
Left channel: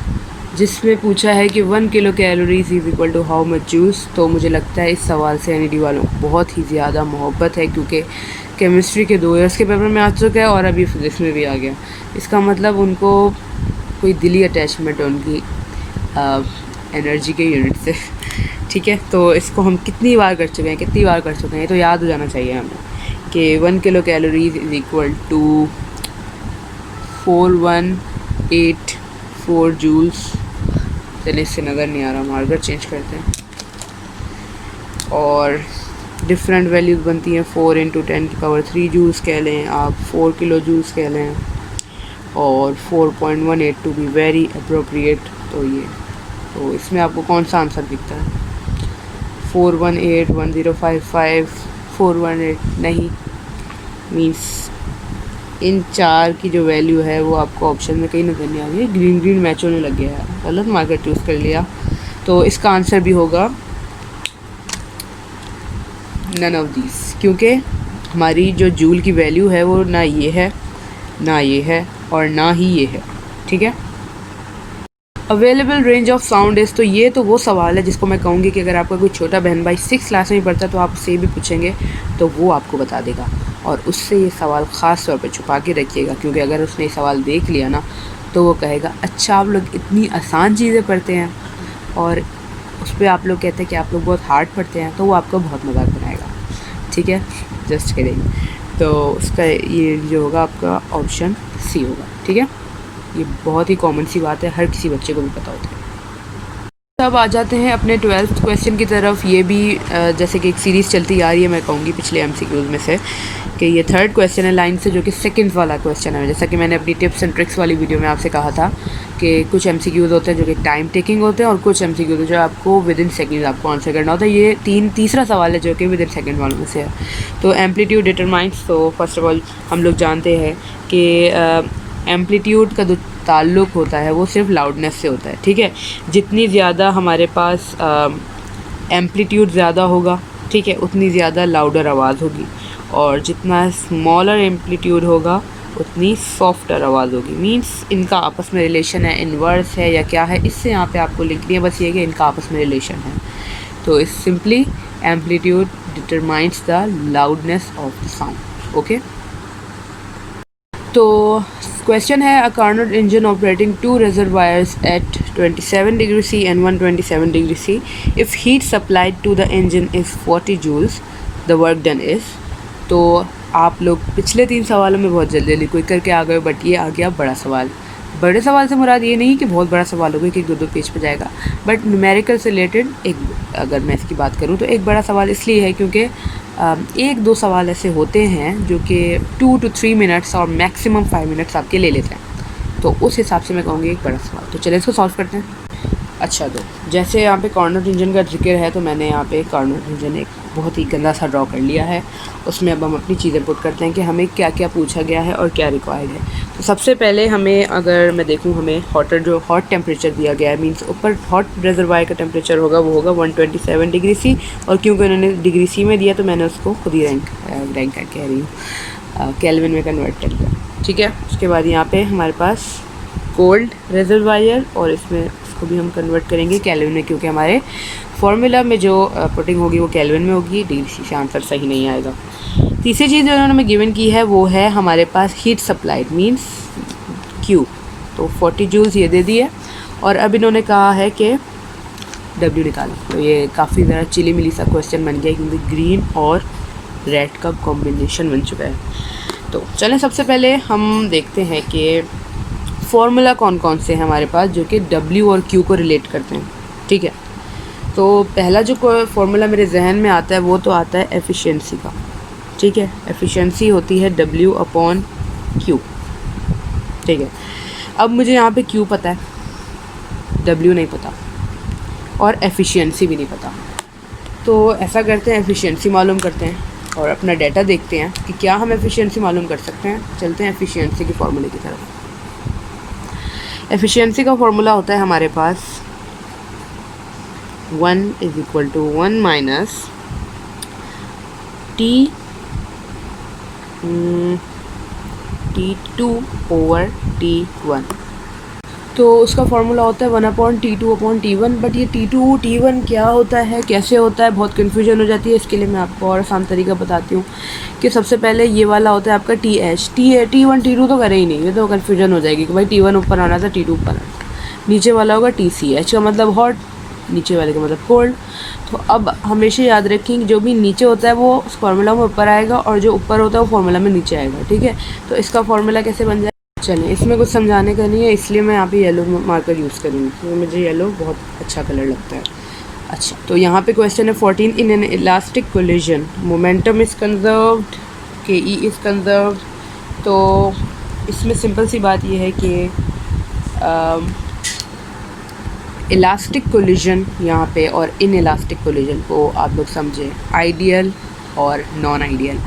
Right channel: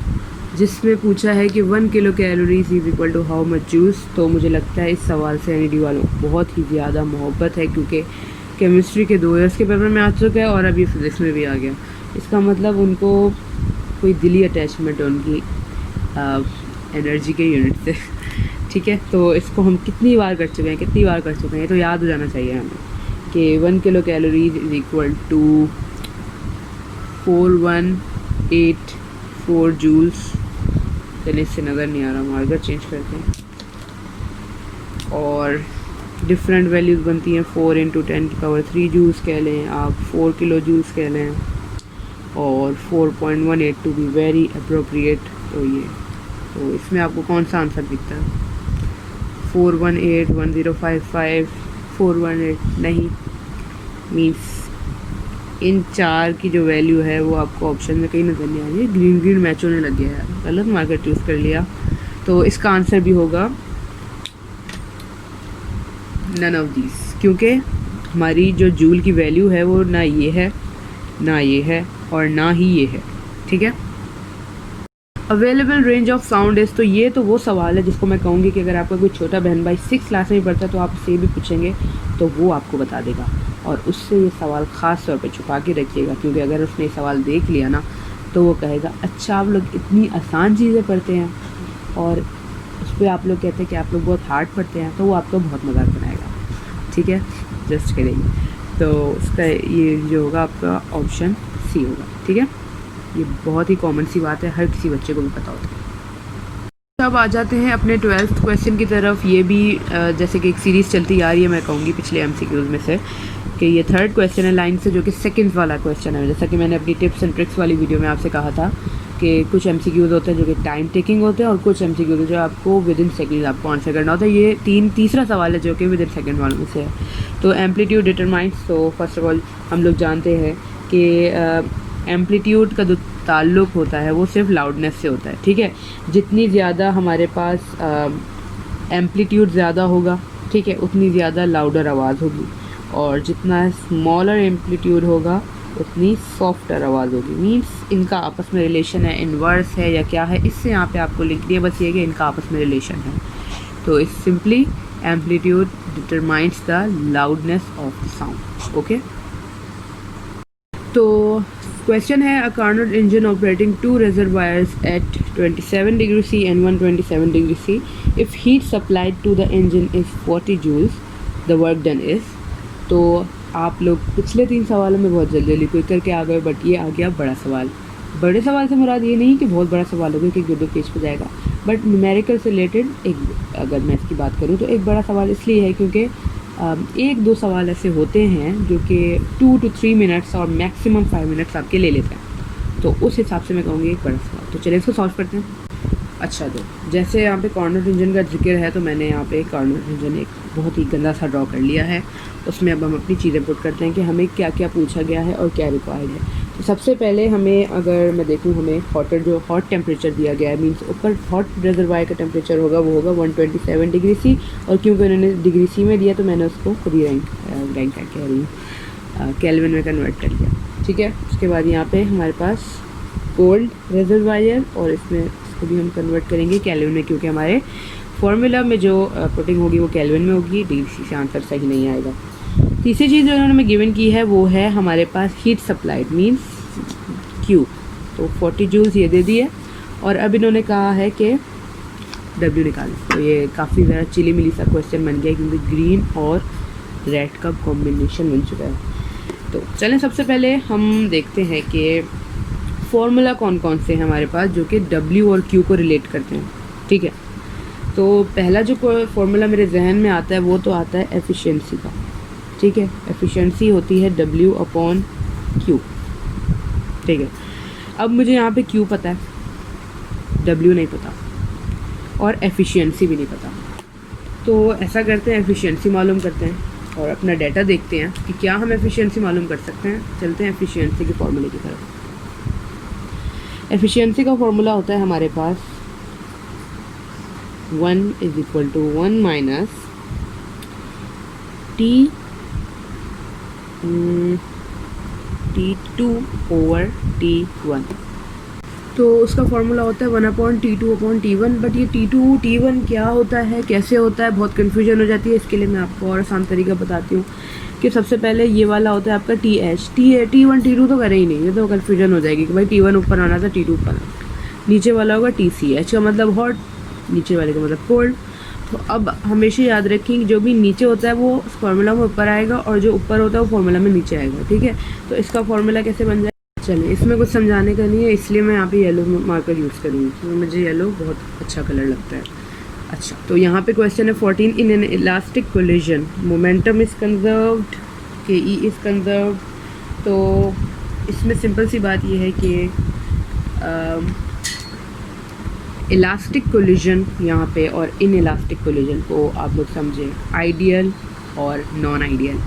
जिसमें पूछा है कि 1 kilo calories is equal to how much जूस। तो मुझे लगता है इस सवाल से एनईडी वालों को बहुत ही ज़्यादा मोहब्बत है, क्योंकि केमिस्ट्री के 2 ईयर्स के पेपर में आ चुका है और अभी फिज़िक्स में भी आ गया। इसका मतलब उनको कोई दिली अटैचमेंट है उनकी एनर्जी के यूनिट से, ठीक है। तो इसको हम कितनी बार कर चुके हैं, ये तो याद हो जाना चाहिए हमें कि 1 kilo calories is equal to 4184 joules. चलिए इससे नज़र नहीं आ रहा, मार्कर चेंज करते हैं। और डिफरेंट वैल्यूज़ बनती हैं, 4 × 10⁻³ जूल्स कह लें आप, 4 किलो जूल्स कह लें, और 4.182 भी वेरी अप्रोप्रिएट। तो इसमें आपको कौन सा आंसर दिखता है? 418, 1055, 418 नहीं, मीन्स इन 4 की जो वैल्यू है वो आपको ऑप्शन में कहीं नजर नहीं आ रही। ग्रीन मैच होने लग गया है, गलत मार्कर चूज़ कर लिया। तो इसका आंसर भी होगा नन ऑफ दीज, क्योंकि हमारी जो जूल की वैल्यू है वो ना ये है, ना ये है, और ना ही ये है, ठीक है। Available range of sound is, तो ये तो वो सवाल है जिसको मैं कहूँगी कि अगर आपका कोई छोटा बहन भाई 6 क्लास में पढ़ता है तो आप उससे भी पूछेंगे तो वो आपको बता देगा, और उससे ये सवाल ख़ास तौर पर छुपा के रखिएगा, क्योंकि अगर उसने ये सवाल देख लिया ना तो वो कहेगा अच्छा आप लोग इतनी आसान चीज़ें पढ़ते हैं, और उस पर आप लोग कहते हैं कि आप लोग बहुत हार्ड पढ़ते हैं, तो वो आपको बहुत मजाक बनाएगा, ठीक है। जस्ट करेंगे, तो उसका ये जो होगा आपका ऑप्शन सी होगा, ठीक है। ये बहुत ही कॉमन सी बात है, हर किसी बच्चे को भी पता होता है। अब आ जाते हैं अपने 12th क्वेश्चन की तरफ। ये भी जैसे कि एक सीरीज़ चलती आ रही है, मैं कहूँगी पिछले MCQs में से, कि ये 3rd क्वेश्चन है लाइन से, जो कि सेकंड वाला क्वेश्चन है। जैसा कि मैंने अपनी टिप्स एंड ट्रिक्स वाली वीडियो में आपसे कहा था कि कुछ MCQs होते हैं जो कि टाइम टेकिंग होते हैं, और कुछ MCQs जो आपको विद इन सेकेंड आपको आंसर करना होता है। ये तीसरा सवाल है जो कि विद इन सेकेंड वालों में से है। तो एम्पलीट्यूड डिटरमाइंस, तो फर्स्ट ऑफ ऑल हम लोग जानते हैं कि एम्पलीट्यूड का जो ताल्लुक़ होता है वो सिर्फ लाउडनेस से होता है, ठीक है। जितनी ज़्यादा हमारे पास एम्पलीट्यूड ज़्यादा होगा, ठीक है, उतनी ज़्यादा लाउडर आवाज़ होगी, और जितना स्मॉलर एम्पलीट्यूड होगा उतनी सॉफ्टर आवाज़ होगी। मींस इनका आपस में रिलेशन है, इन्वर्स है या क्या है, इससे यहाँ पे आपको लिख दिया बस ये कि इनका आपस में रिलेशन है। तो इस simply amplitude determines the loudness of the sound, okay. तो क्वेश्चन है, a Carnot engine operating 2 reservoirs at 27 degree C and 127 degree C. If heat supplied to the engine is 40 joules, the work done is. तो आप लोग पिछले 3 सवालों में बहुत जल्दी क्विक करके आ गए, बट ये आ गया बड़ा सवाल। बड़े सवाल से मुराद ये नहीं कि बहुत बड़ा सवाल होगा कि 2-2 पेज पे जाएगा, बट न्यूमेरिकल से रिलेटेड एक, अगर मैं इसकी बात करूँ तो एक बड़ा सवाल इसलिए है क्योंकि 1-2 सवाल ऐसे होते हैं जो कि 2 to 3 मिनट्स और मैक्सिमम 5 मिनट्स आपके ले लेते हैं। तो उस हिसाब से मैं कहूँगी एक बड़ा सवाल। तो चलिए इसको सॉल्व करते हैं। अच्छा, तो जैसे यहाँ पे कार्नोट इंजन का जिक्र है, तो मैंने यहाँ पे कार्नोट इंजन एक बहुत ही गंदा सा ड्रॉ कर लिया है। उसमें अब हम अपनी चीज़ें पुट करते हैं कि हमें क्या क्या पूछा गया है और क्या रिक्वायर्ड है। तो सबसे पहले हमें, अगर मैं देखूँ, हमें हॉट टेम्परेचर दिया गया है, मींस ऊपर हॉट रिजर्वायर का टेम्परेचर होगा वो होगा 127 डिग्री सी, और क्योंकि उन्होंने डिग्री सी में दिया तो मैंने उसको खुद ही रैंक कह रही हूँ, केल्विन में कन्वर्ट कर लिया। ठीक है, उसके बाद यहाँ पे हमारे पास कोल्ड रिजर्वायर, और इसमें इसको भी हम कन्वर्ट करेंगे केल्विन में, क्योंकि हमारे फार्मूला में जो पुटिंग होगी वो केल्विन में होगी, डिग्री सी से आंसर सही नहीं आएगा। तीसरी चीज़ जो उन्होंने हमें गिवन की है वो है हमारे पास हीट सप्लाइड मींस क्यू, तो 40 जूल्स ये दे दिए, और अब इन्होंने कहा है कि डब्ल्यू निकालें। तो ये काफ़ी ज़्यादा चिली मिली सा क्वेश्चन बन गया, क्योंकि ग्रीन और रेड का कॉम्बिनेशन बन चुका है। तो चलें, सबसे पहले हम देखते हैं कि फॉर्मूला कौन कौन से हैं हमारे पास जो कि डब्ल्यू और क्यू को रिलेट करते हैं। ठीक है, तो पहला जो फॉर्मूला मेरे जहन में आता है वो तो आता है एफिशिएंसी का। ठीक है, एफिशिएंसी होती है W अपॉन Q। ठीक है, अब मुझे यहाँ पे Q पता है, W नहीं पता, और एफिशिएंसी भी नहीं पता। तो ऐसा करते हैं, एफिशिएंसी मालूम करते हैं और अपना डाटा देखते हैं कि क्या हम एफिशिएंसी मालूम कर सकते हैं। चलते हैं एफिशिएंसी के फॉर्मूले की तरफ। एफिशिएंसी का फॉर्मूला होता है हमारे पास 1 = 1 माइनस T2 ओवर T1। तो उसका फॉर्मूला होता है 1/T2/T1। बट ये T2/T1 क्या होता है, कैसे होता है, बहुत कन्फ्यूजन हो जाती है। इसके लिए मैं आपको और आसान तरीका बताती हूँ कि सबसे पहले ये वाला होता है आपका TH, T1 T2 तो करे ही नहीं, ये तो कन्फ्यूजन हो जाएगी कि भाई T1 ऊपर आना था, T2 ऊपर आना। नीचे वाला होगा TCH का मतलब हॉट, नीचे वाले का मतलब कोल्ड। तो अब हमेशा याद रखें कि जो भी नीचे होता है वो उस फार्मूला में ऊपर आएगा, और जो ऊपर होता है वो फार्मूला में नीचे आएगा। ठीक है, तो इसका फार्मूला कैसे बन जाए, चलिए, इसमें कुछ समझाने का नहीं है, इसलिए मैं यहाँ पे येलो मार्कर यूज़ करूँगी, क्योंकि मुझे येलो बहुत अच्छा कलर लगता है। अच्छा, तो यहाँ पे क्वेश्चन है 14 in an elastic collision momentum is conserved, KE is conserved. तो इसमें सिंपल सी बात ये है कि इलास्टिक कोलिजन यहाँ पे और इन इलास्टिक कोलिजन को आप लोग समझे, आइडियल और नॉन आइडियल।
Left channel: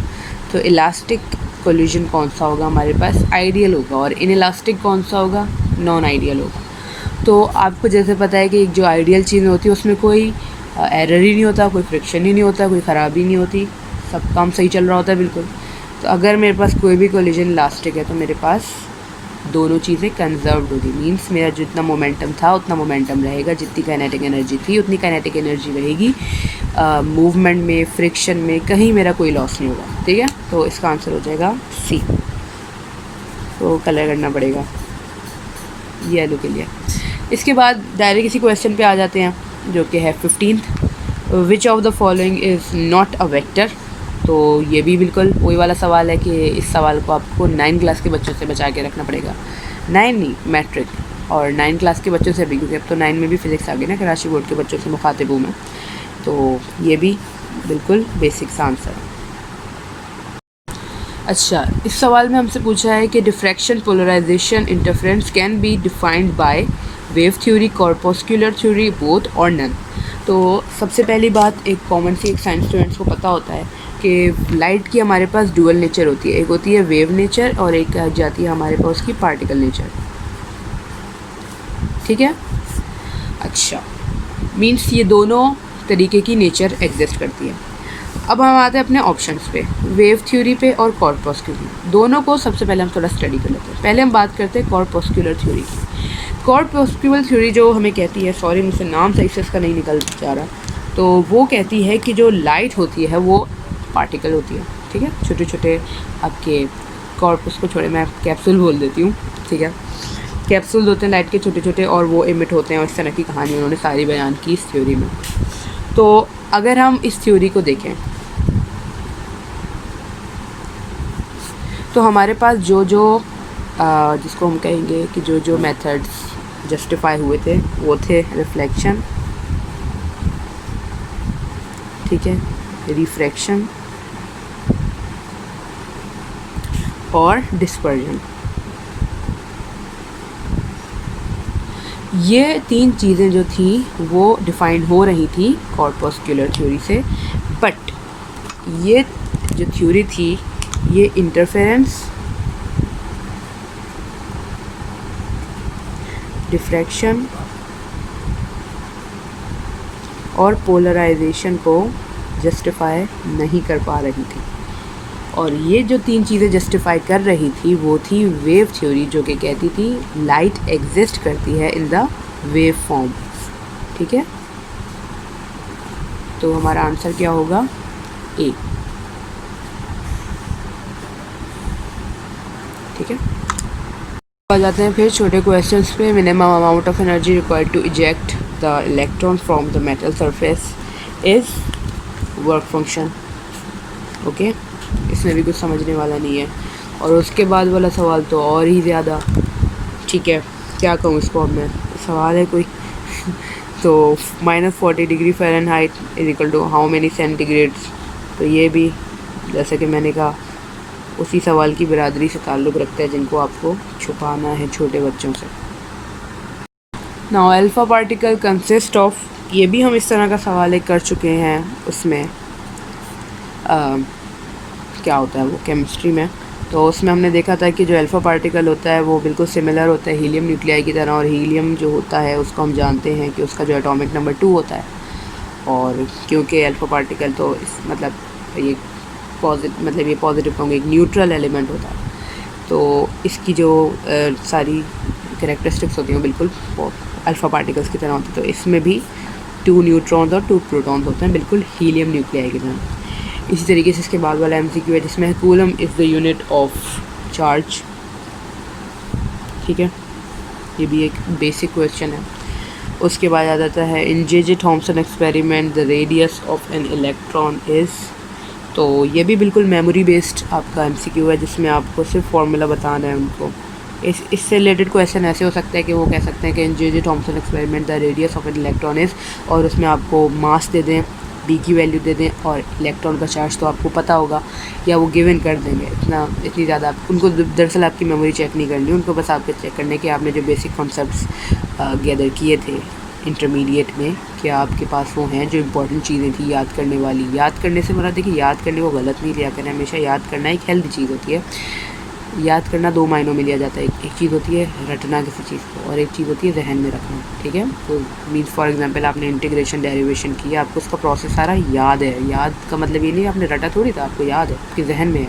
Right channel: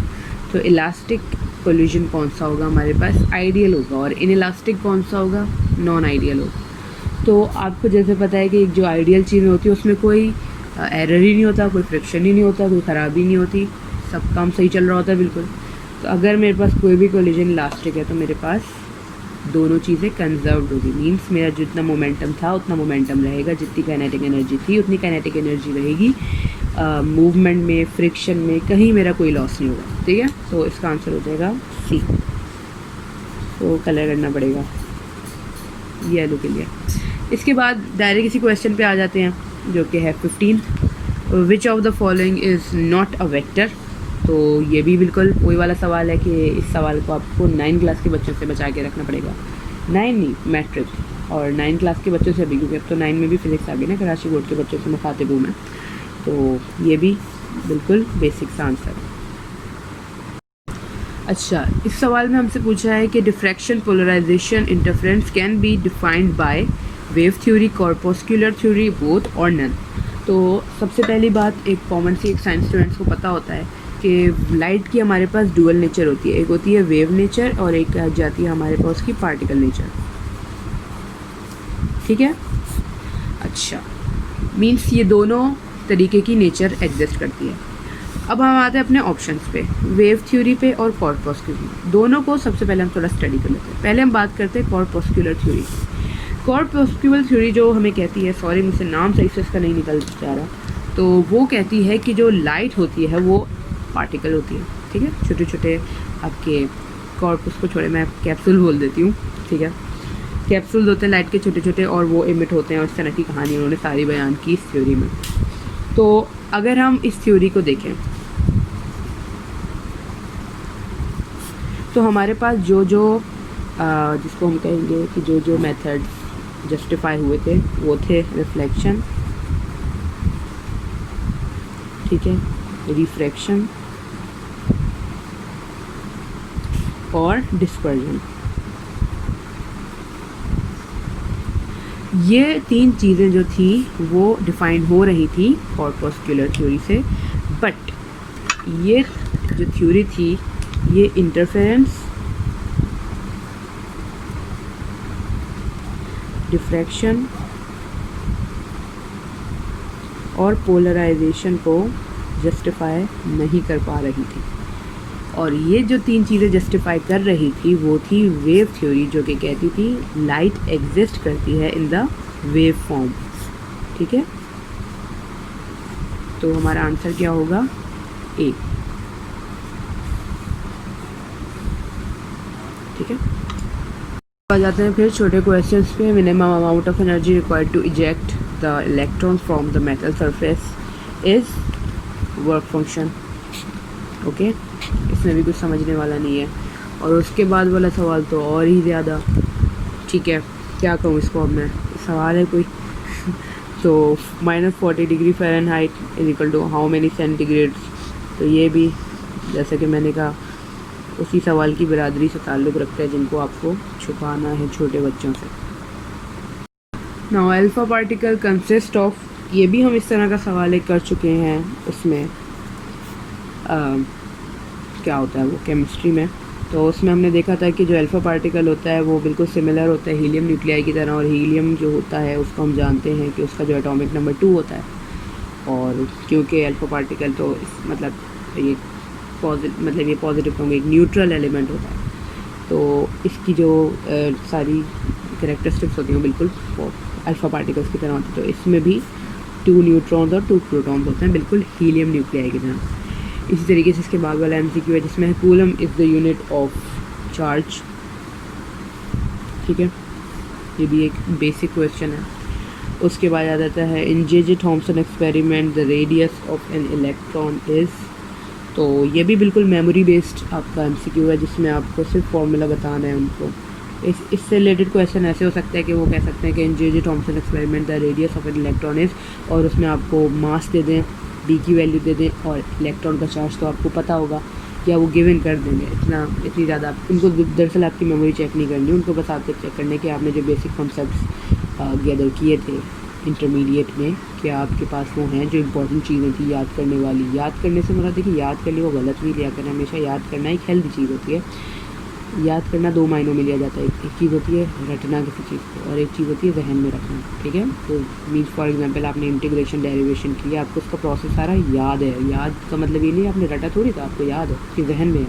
तो इलास्टिक कोलिजन कौन सा होगा हमारे पास, आइडियल होगा, और इन इलास्टिक कौन सा होगा, नॉन आइडियल होगा। तो आपको जैसे पता है कि एक जो आइडियल चीज़ होती है उसमें कोई एरर ही नहीं होता, कोई फ्रिक्शन ही नहीं होता, कोई ख़राबी नहीं होती, सब काम सही चल रहा होता है बिल्कुल। तो अगर मेरे पास कोई भी कोलिजन इलास्टिक है तो मेरे पास दोनों चीज़ें कंजर्व्ड होगी, मींस मेरा जितना मोमेंटम था उतना मोमेंटम रहेगा, जितनी काइनेटिक एनर्जी थी उतनी काइनेटिक एनर्जी रहेगी। मूवमेंट में, फ्रिक्शन में कहीं मेरा कोई लॉस नहीं होगा। ठीक है, तो इसका आंसर हो जाएगा C। तो कलर करना पड़ेगा येलो के लिए। इसके बाद डायरेक्ट किसी क्वेश्चन पे आ जाते हैं जो कि है 15, which of the following is not a vector. तो ये भी बिल्कुल वही वाला सवाल है कि इस सवाल को आपको 9 क्लास के बच्चों से बचा के रखना पड़ेगा। 9 नहीं, मैट्रिक, और 9 क्लास के बच्चों से भी, क्योंकि अब तो 9 में भी फिजिक्स आ गई ना, कराची बोर्ड के बच्चों से मुखातिब हूँ मैं। तो ये भी बिल्कुल बेसिक सा आंसर है। अच्छा, इस सवाल में हमसे पूछा है कि diffraction, polarisation, interference can be defined by wave theory, corpuscular theory, both और नन। तो सबसे पहली बात, एक कॉमन सी एक साइंस स्टूडेंट्स को पता होता है कि लाइट की हमारे पास डुअल नेचर होती है, एक होती है वेव नेचर और एक आ जाती है हमारे पास की पार्टिकल नेचर। ठीक है, अच्छा, मीन्स ये दोनों तरीके की नेचर एग्जिस्ट करती है। अब हम आते हैं अपने ऑप्शंस पे, वेव थ्योरी पे और कॉर्पस्कुलर, दोनों को सबसे पहले हम थोड़ा स्टडी कर लेते हैं। पहले हम बात करते हैं कॉर्पस्कुलर थ्योरी की। कॉर्पस्कुलर थ्योरी जो हमें कहती है, सॉरी मुझसे नाम सही से इसका नहीं निकल जा रहा, तो वो कहती है कि जो लाइट होती है वो पार्टिकल होती है। ठीक है, छोटे छोटे आपके कॉर्पस को छोड़े, मैं कैप्सूल बोल देती हूँ। ठीक है, कैप्सूल होते हैं लाइट के छोटे छोटे, और वो इमिट होते हैं, और इस तरह की कहानी उन्होंने सारी बयान की इस थ्योरी में। तो अगर हम इस थ्योरी को देखें तो हमारे पास जो जो जिसको हम कहेंगे कि जो जो मेथड्स जस्टिफाई हुए थे वो थे रिफ्लेक्शन, ठीक है, रिफ्रैक्शन और डिस्पर्जन। ये तीन चीज़ें जो थी वो डिफ़ाइन हो रही थी कॉर्पस्कुलर थ्योरी से, बट ये जो थ्योरी थी ये इंटरफेरेंस, डिफ्रैक्शन और पोलराइजेशन को जस्टिफाई नहीं कर पा रही थी। और ये जो तीन चीज़ें जस्टिफाई कर रही थी वो थी वेव थ्योरी, जो कि कहती थी लाइट एग्जिस्ट करती है इन द वेव फॉर्म। ठीक है, तो हमारा आंसर क्या होगा? ए। ठीक है, आ जाते हैं फिर छोटे क्वेश्चंस पे। Minimum amount of energy required to eject the electron from the metal surface is work function. Okay, इसमें भी कुछ समझने वाला नहीं है। और उसके बाद वाला सवाल तो और ही ज़्यादा, ठीक है, क्या कहूँ इसको अब मैं, सवाल है कोई तो -40 degree Fahrenheit is equal to how many centigrades. तो ये भी जैसे कि मैंने कहा उसी सवाल की बिरादरी से ताल्लुक़ रखता है जिनको आपको छुपाना है छोटे बच्चों से। Now alpha particle consist of, ये भी हम इस तरह का सवाल एक कर चुके हैं उसमें क्या होता है वो केमिस्ट्री में। तो उसमें हमने देखा था कि जो अल्फ़ा पार्टिकल होता है वो बिल्कुल सिमिलर होता है हीलियम न्यूक्लियाई की तरह, और हीलियम जो होता है उसको हम जानते हैं कि उसका जो एटॉमिक नंबर 2 होता है। और क्योंकि अल्फ़ा पार्टिकल तो इस ये पॉजिटिव कहूँगी एक न्यूट्रल एलिमेंट होता है, तो इसकी जो सारी कैरेक्टरिस्टिक्स होती हैं बिल्कुल अल्फ़ा पार्टिकल्स की तरह होती है। तो इसमें भी 2 न्यूट्रॉन्स और 2 प्रोटॉन्स होते हैं, बिल्कुल हीलियम न्यूक्लियाई की तरह। इसी तरीके से इसके बाद वाला एमसीक्यू है जिसमें coulomb is the unit of charge. ठीक है, ये भी एक बेसिक क्वेश्चन है। उसके बाद आ जाता है in J Thomson experiment the radius of an electron is. तो ये भी बिल्कुल मेमोरी बेस्ड आपका एमसीक्यू है जिसमें आपको सिर्फ फार्मूला बताना है उनको। इससे रिलेटेड क्वेश्चन ऐसे हो सकता है कि वो कह सकते हैं कि in J Thomson experiment the radius of an electron is, और उसमें आपको मास दे दें, बी की वैल्यू दे दें और इलेक्ट्रॉन का चार्ज तो आपको पता होगा, या वो गिवन कर देंगे। इतनी ज़्यादा उनको दरअसल आपकी मेमोरी चेक नहीं करनी, उनको बस आपके चेक करने के आपने जो बेसिक कॉन्सेप्ट्स गैदर किए थे इंटरमीडिएट में, क्या आपके पास वो हैं जो इंपॉर्टेंट चीज़ें थी याद करने वाली। याद करने से मेरा देखिए, याद करने को गलत नहीं लिया करें, हमेशा याद करना एक हेल्दी चीज़ होती है। याद करना 2 मायनों में लिया जाता है, एक चीज़ होती है रटना किसी चीज़ को, और एक चीज़ होती है जहन में रखना। ठीक है, तो मीन्स फॉर एग्जांपल आपने इंटीग्रेशन डेरिवेशन किया, आपको उसका प्रोसेस सारा याद है। याद का मतलब ये नहीं आपने रटा थोड़ी था, आपको याद है, आपके जहन में है।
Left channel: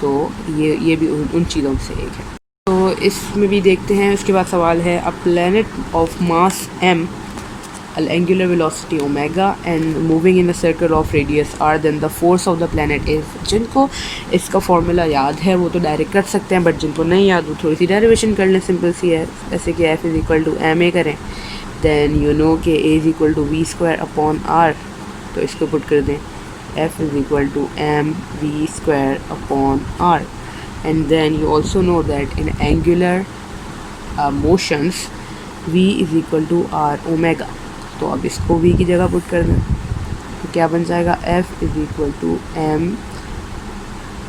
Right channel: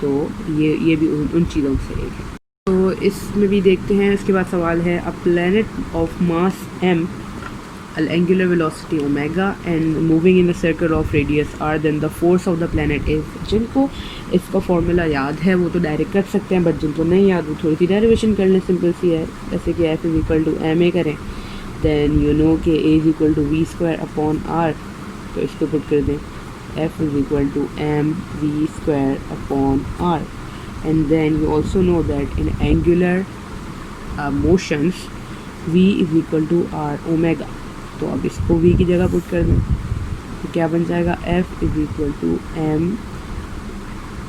तो ये भी उन चीज़ों से एक है। तो इसमें भी देखते हैं। उसके बाद सवाल है a planet of mass m, angular velocity omega and moving in a circle of radius r, then the force of the planet is। जिनको इसका फॉर्मूला याद है वो तो डायरेक्ट कर सकते हैं, बट जिनको नहीं याद वो थोड़ी सी डेरिवेशन कर लें, सिंपल सी है। जैसे कि f is equal to M A करें, देन यू नो कि a is equal to V square upon r, तो इसको पुट कर दें f is equal to M V square upon r, and then you also know that in angular motions v is equal to r omega. तो अब इसको v की जगह put कर दें तो क्या बन जाएगा, f is equal to M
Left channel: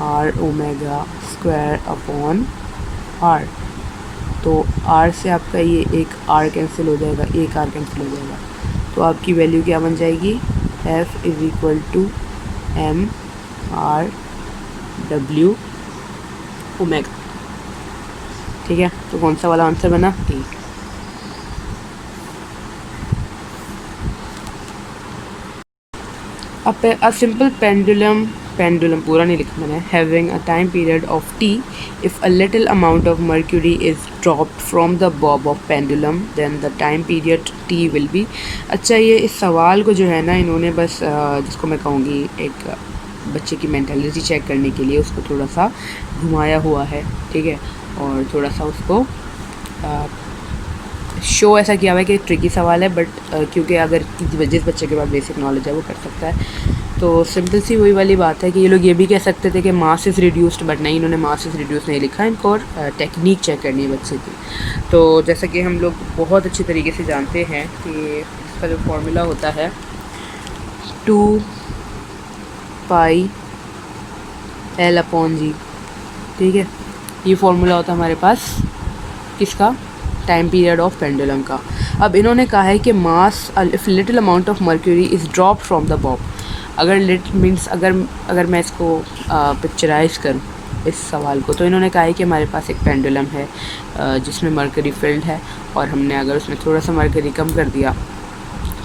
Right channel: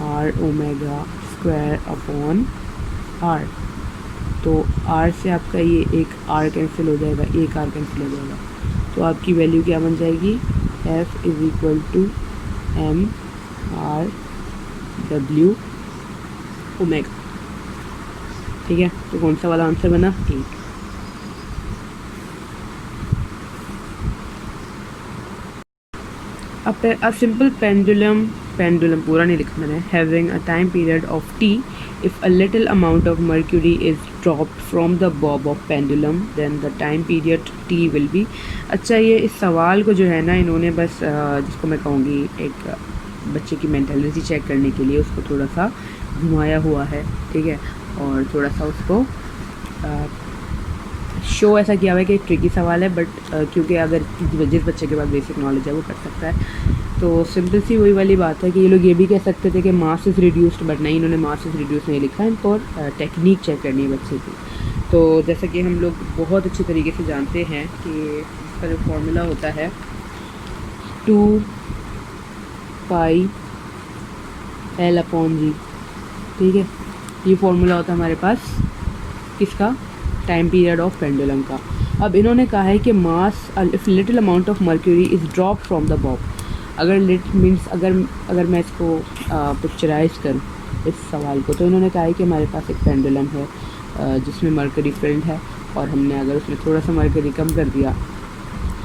R omega square upon r। तो r से आपका ये एक r कैंसिल हो जाएगा, एक r कैंसिल हो जाएगा, तो आपकी वैल्यू क्या बन जाएगी, f is equal to M R W omega. ठीक है, तो कौन सा वाला आंसर बना, टी। A simple pendulum पूरा नहीं लिखा मैंने, having a time period of t, if a little amount of mercury is dropped from the bob of pendulum then the time period t will be। अच्छा, ये इस सवाल को जो है ना इन्होंने बस जिसको मैं कहूँगी एक बच्चे की मेंटालिटी चेक करने के लिए उसको थोड़ा सा घुमाया हुआ है। ठीक है, और थोड़ा सा उसको शो ऐसा किया हुआ है कि एक ट्रिकी सवाल है, बट क्योंकि अगर जिस बच्चे के पास बेसिक नॉलेज है वो कर सकता है। तो सिंपल सी वही वाली बात है कि ये लोग ये भी कह सकते थे कि मास इज़ रिड्यूस्ड, बट नहीं, इन्होंने मास इज़ रिड्यूस नहीं लिखा, इनको टेक्निक चेक करनी है बच्चे की। तो जैसा कि हम लोग बहुत अच्छी तरीके से जानते हैं कि इसका जो फार्मूला होता है 2 पाई एल अपॉन जी। ठीक है, ये फार्मूला होता है हमारे पास किसका, टाइम पीरियड ऑफ पेंडुलम का। अब इन्होंने कहा है कि mass if little amount of mercury is drop from the bob. अगर लिट मीन्स अगर मैं इसको पिक्चराइज करूँ इस सवाल को, तो इन्होंने कहा है कि हमारे पास एक पेंडुलम है जिसमें मर्करी फील्ड है, और हमने अगर उसमें थोड़ा सा मर्करी कम कर दिया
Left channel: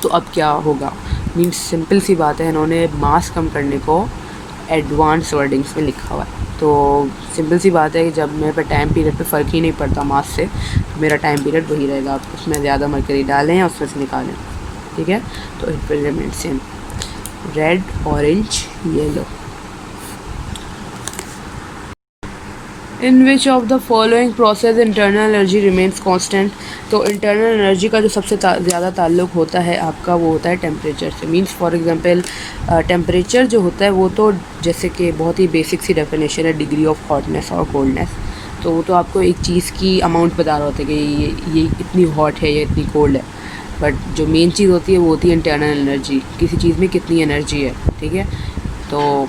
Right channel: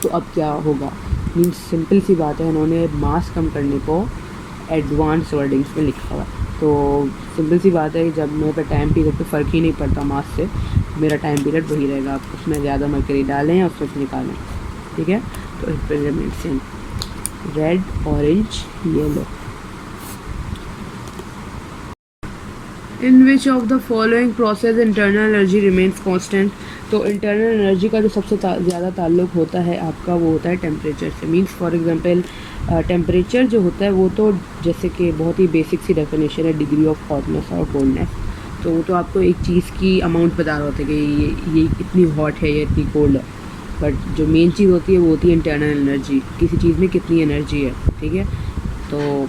तो अब क्या होगा। मीन्स सिंपल सी बात है, इन्होंने मास कम करने को एडवांस वर्डिंग्स में लिखा हुआ है। तो सिंपल सी बात है कि जब मेरे पे टाइम पीरियड पे फ़र्क ही नहीं पड़ता मास से, मेरा टाइम पीरियड वही रहेगा। आप उसमें ज़्यादा मर्करी डालें या उसमें से निकालें, ठीक है। तो it will remain same, red, orange, yellow. In which of the following process internal energy remains constant. तो इंटरनल एनर्जी का जो सबसे ज़्यादा ताल्लुक होता है आपका, वो होता है टेम्परेचर से। मींस फॉर एग्जांपल टेम्परेचर जो होता है वो तो जैसे कि बहुत ही बेसिक सी डेफिनेशन है डिग्री ऑफ हॉटनेस और कोल्डनेस। तो वो तो आपको एक चीज़ की अमाउंट बता रहा होता है कि ये इतनी हॉट है, ये इतनी कोल्ड है। बट जो मेन चीज़ होती है वो होती है इंटरनल एनर्जी, किसी चीज़ में कितनी एनर्जी है, ठीक है। तो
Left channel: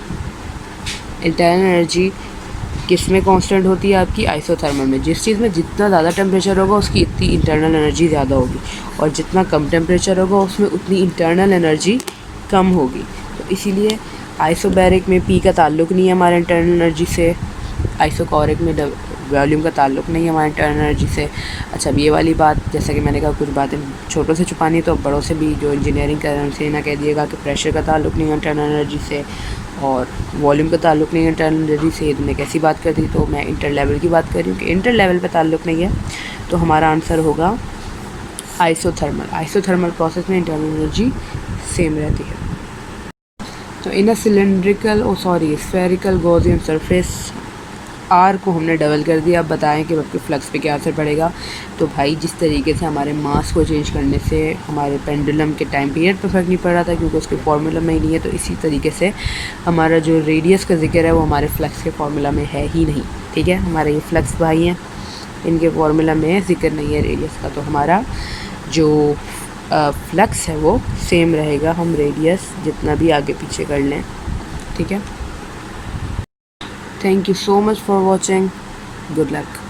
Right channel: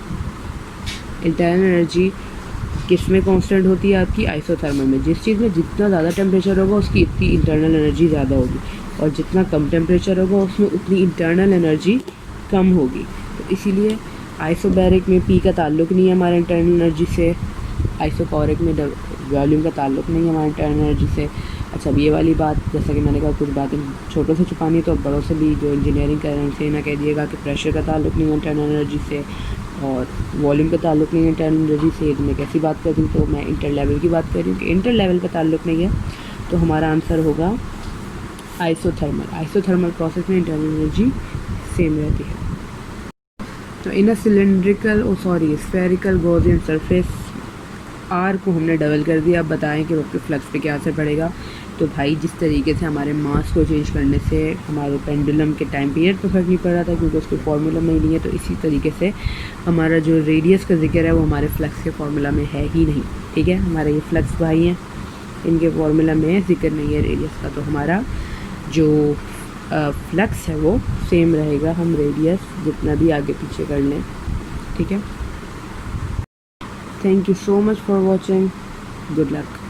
इंटरनल एनर्जी किस में कांस्टेंट होती है आपकी, आइसोथर्मल में। जिस चीज़ में जितना ज़्यादा टेम्परेचर होगा उसकी इतनी इंटरनल एनर्जी ज़्यादा होगी, और जितना कम टेम्परेचर होगा उसमें उतनी इंटरनल एनर्जी कम होगी। तो इसीलिए आइसोबैरिक में पी का ताल्लुक नहीं है हमारे इंटरनल एनर्जी से, आइसोकॉरिक में वॉल्यूम का ताल्लुक नहीं है हमारे इंटरनल एनर्जी से। अच्छा, अब ये वाली बात, जैसा कि मैंने कहा कुछ बातें छोटों से छुपानी, तो बड़ों से भी जो इंजीनियरिंग कर रहे हैं उनसे ना कह दिएगा कि प्रेशर का ताल्लुक नहीं है इंटरनल एनर्जी से, और वॉल्यूम का ताल्लुक नहीं है इंटरनल एनर्जी से। इतने कैसी बात कर दी, तो मैं इंटर लेवल की बात कर रही हूँ कि इंटर लेवल पे ताल्लुक नहीं है। तो हमारा आंसर होगा आइसोथर्मल। आइसोथर्मल प्रोसेस में इंटरनल एनर्जी सेम रहती है। तो in a cylindrical spherical Gaussian surface, R को हमने डबल कर दिया। अब बताएं कि वक्त फ्लक्स पे क्या असर पड़ेगा। तो भाई जिस तरीके से हमारे मास को चेंज करने से हमारे पेंडुलम के टाइम पीरियड पर फ़र्क नहीं पड़ रहा था क्योंकि उसके फार्मूला में ही नहीं है, तो इसी तरीके से हमारा जो रेडियस का जिक्र है वो हमारे फ्लक्स के फार्मूला में है ही नहीं, ठीक है। हमारे ये फ्लक्स भाई हैं, इनके फार्मूला में जिक्र नहीं है रेडियस का, तो हमारा जो फ्लक्स है वो सेम रहेगा, हम रेडियस जितना भी आगे पीछे कर लें, ठीक है। Thank you so much for watching. Good luck.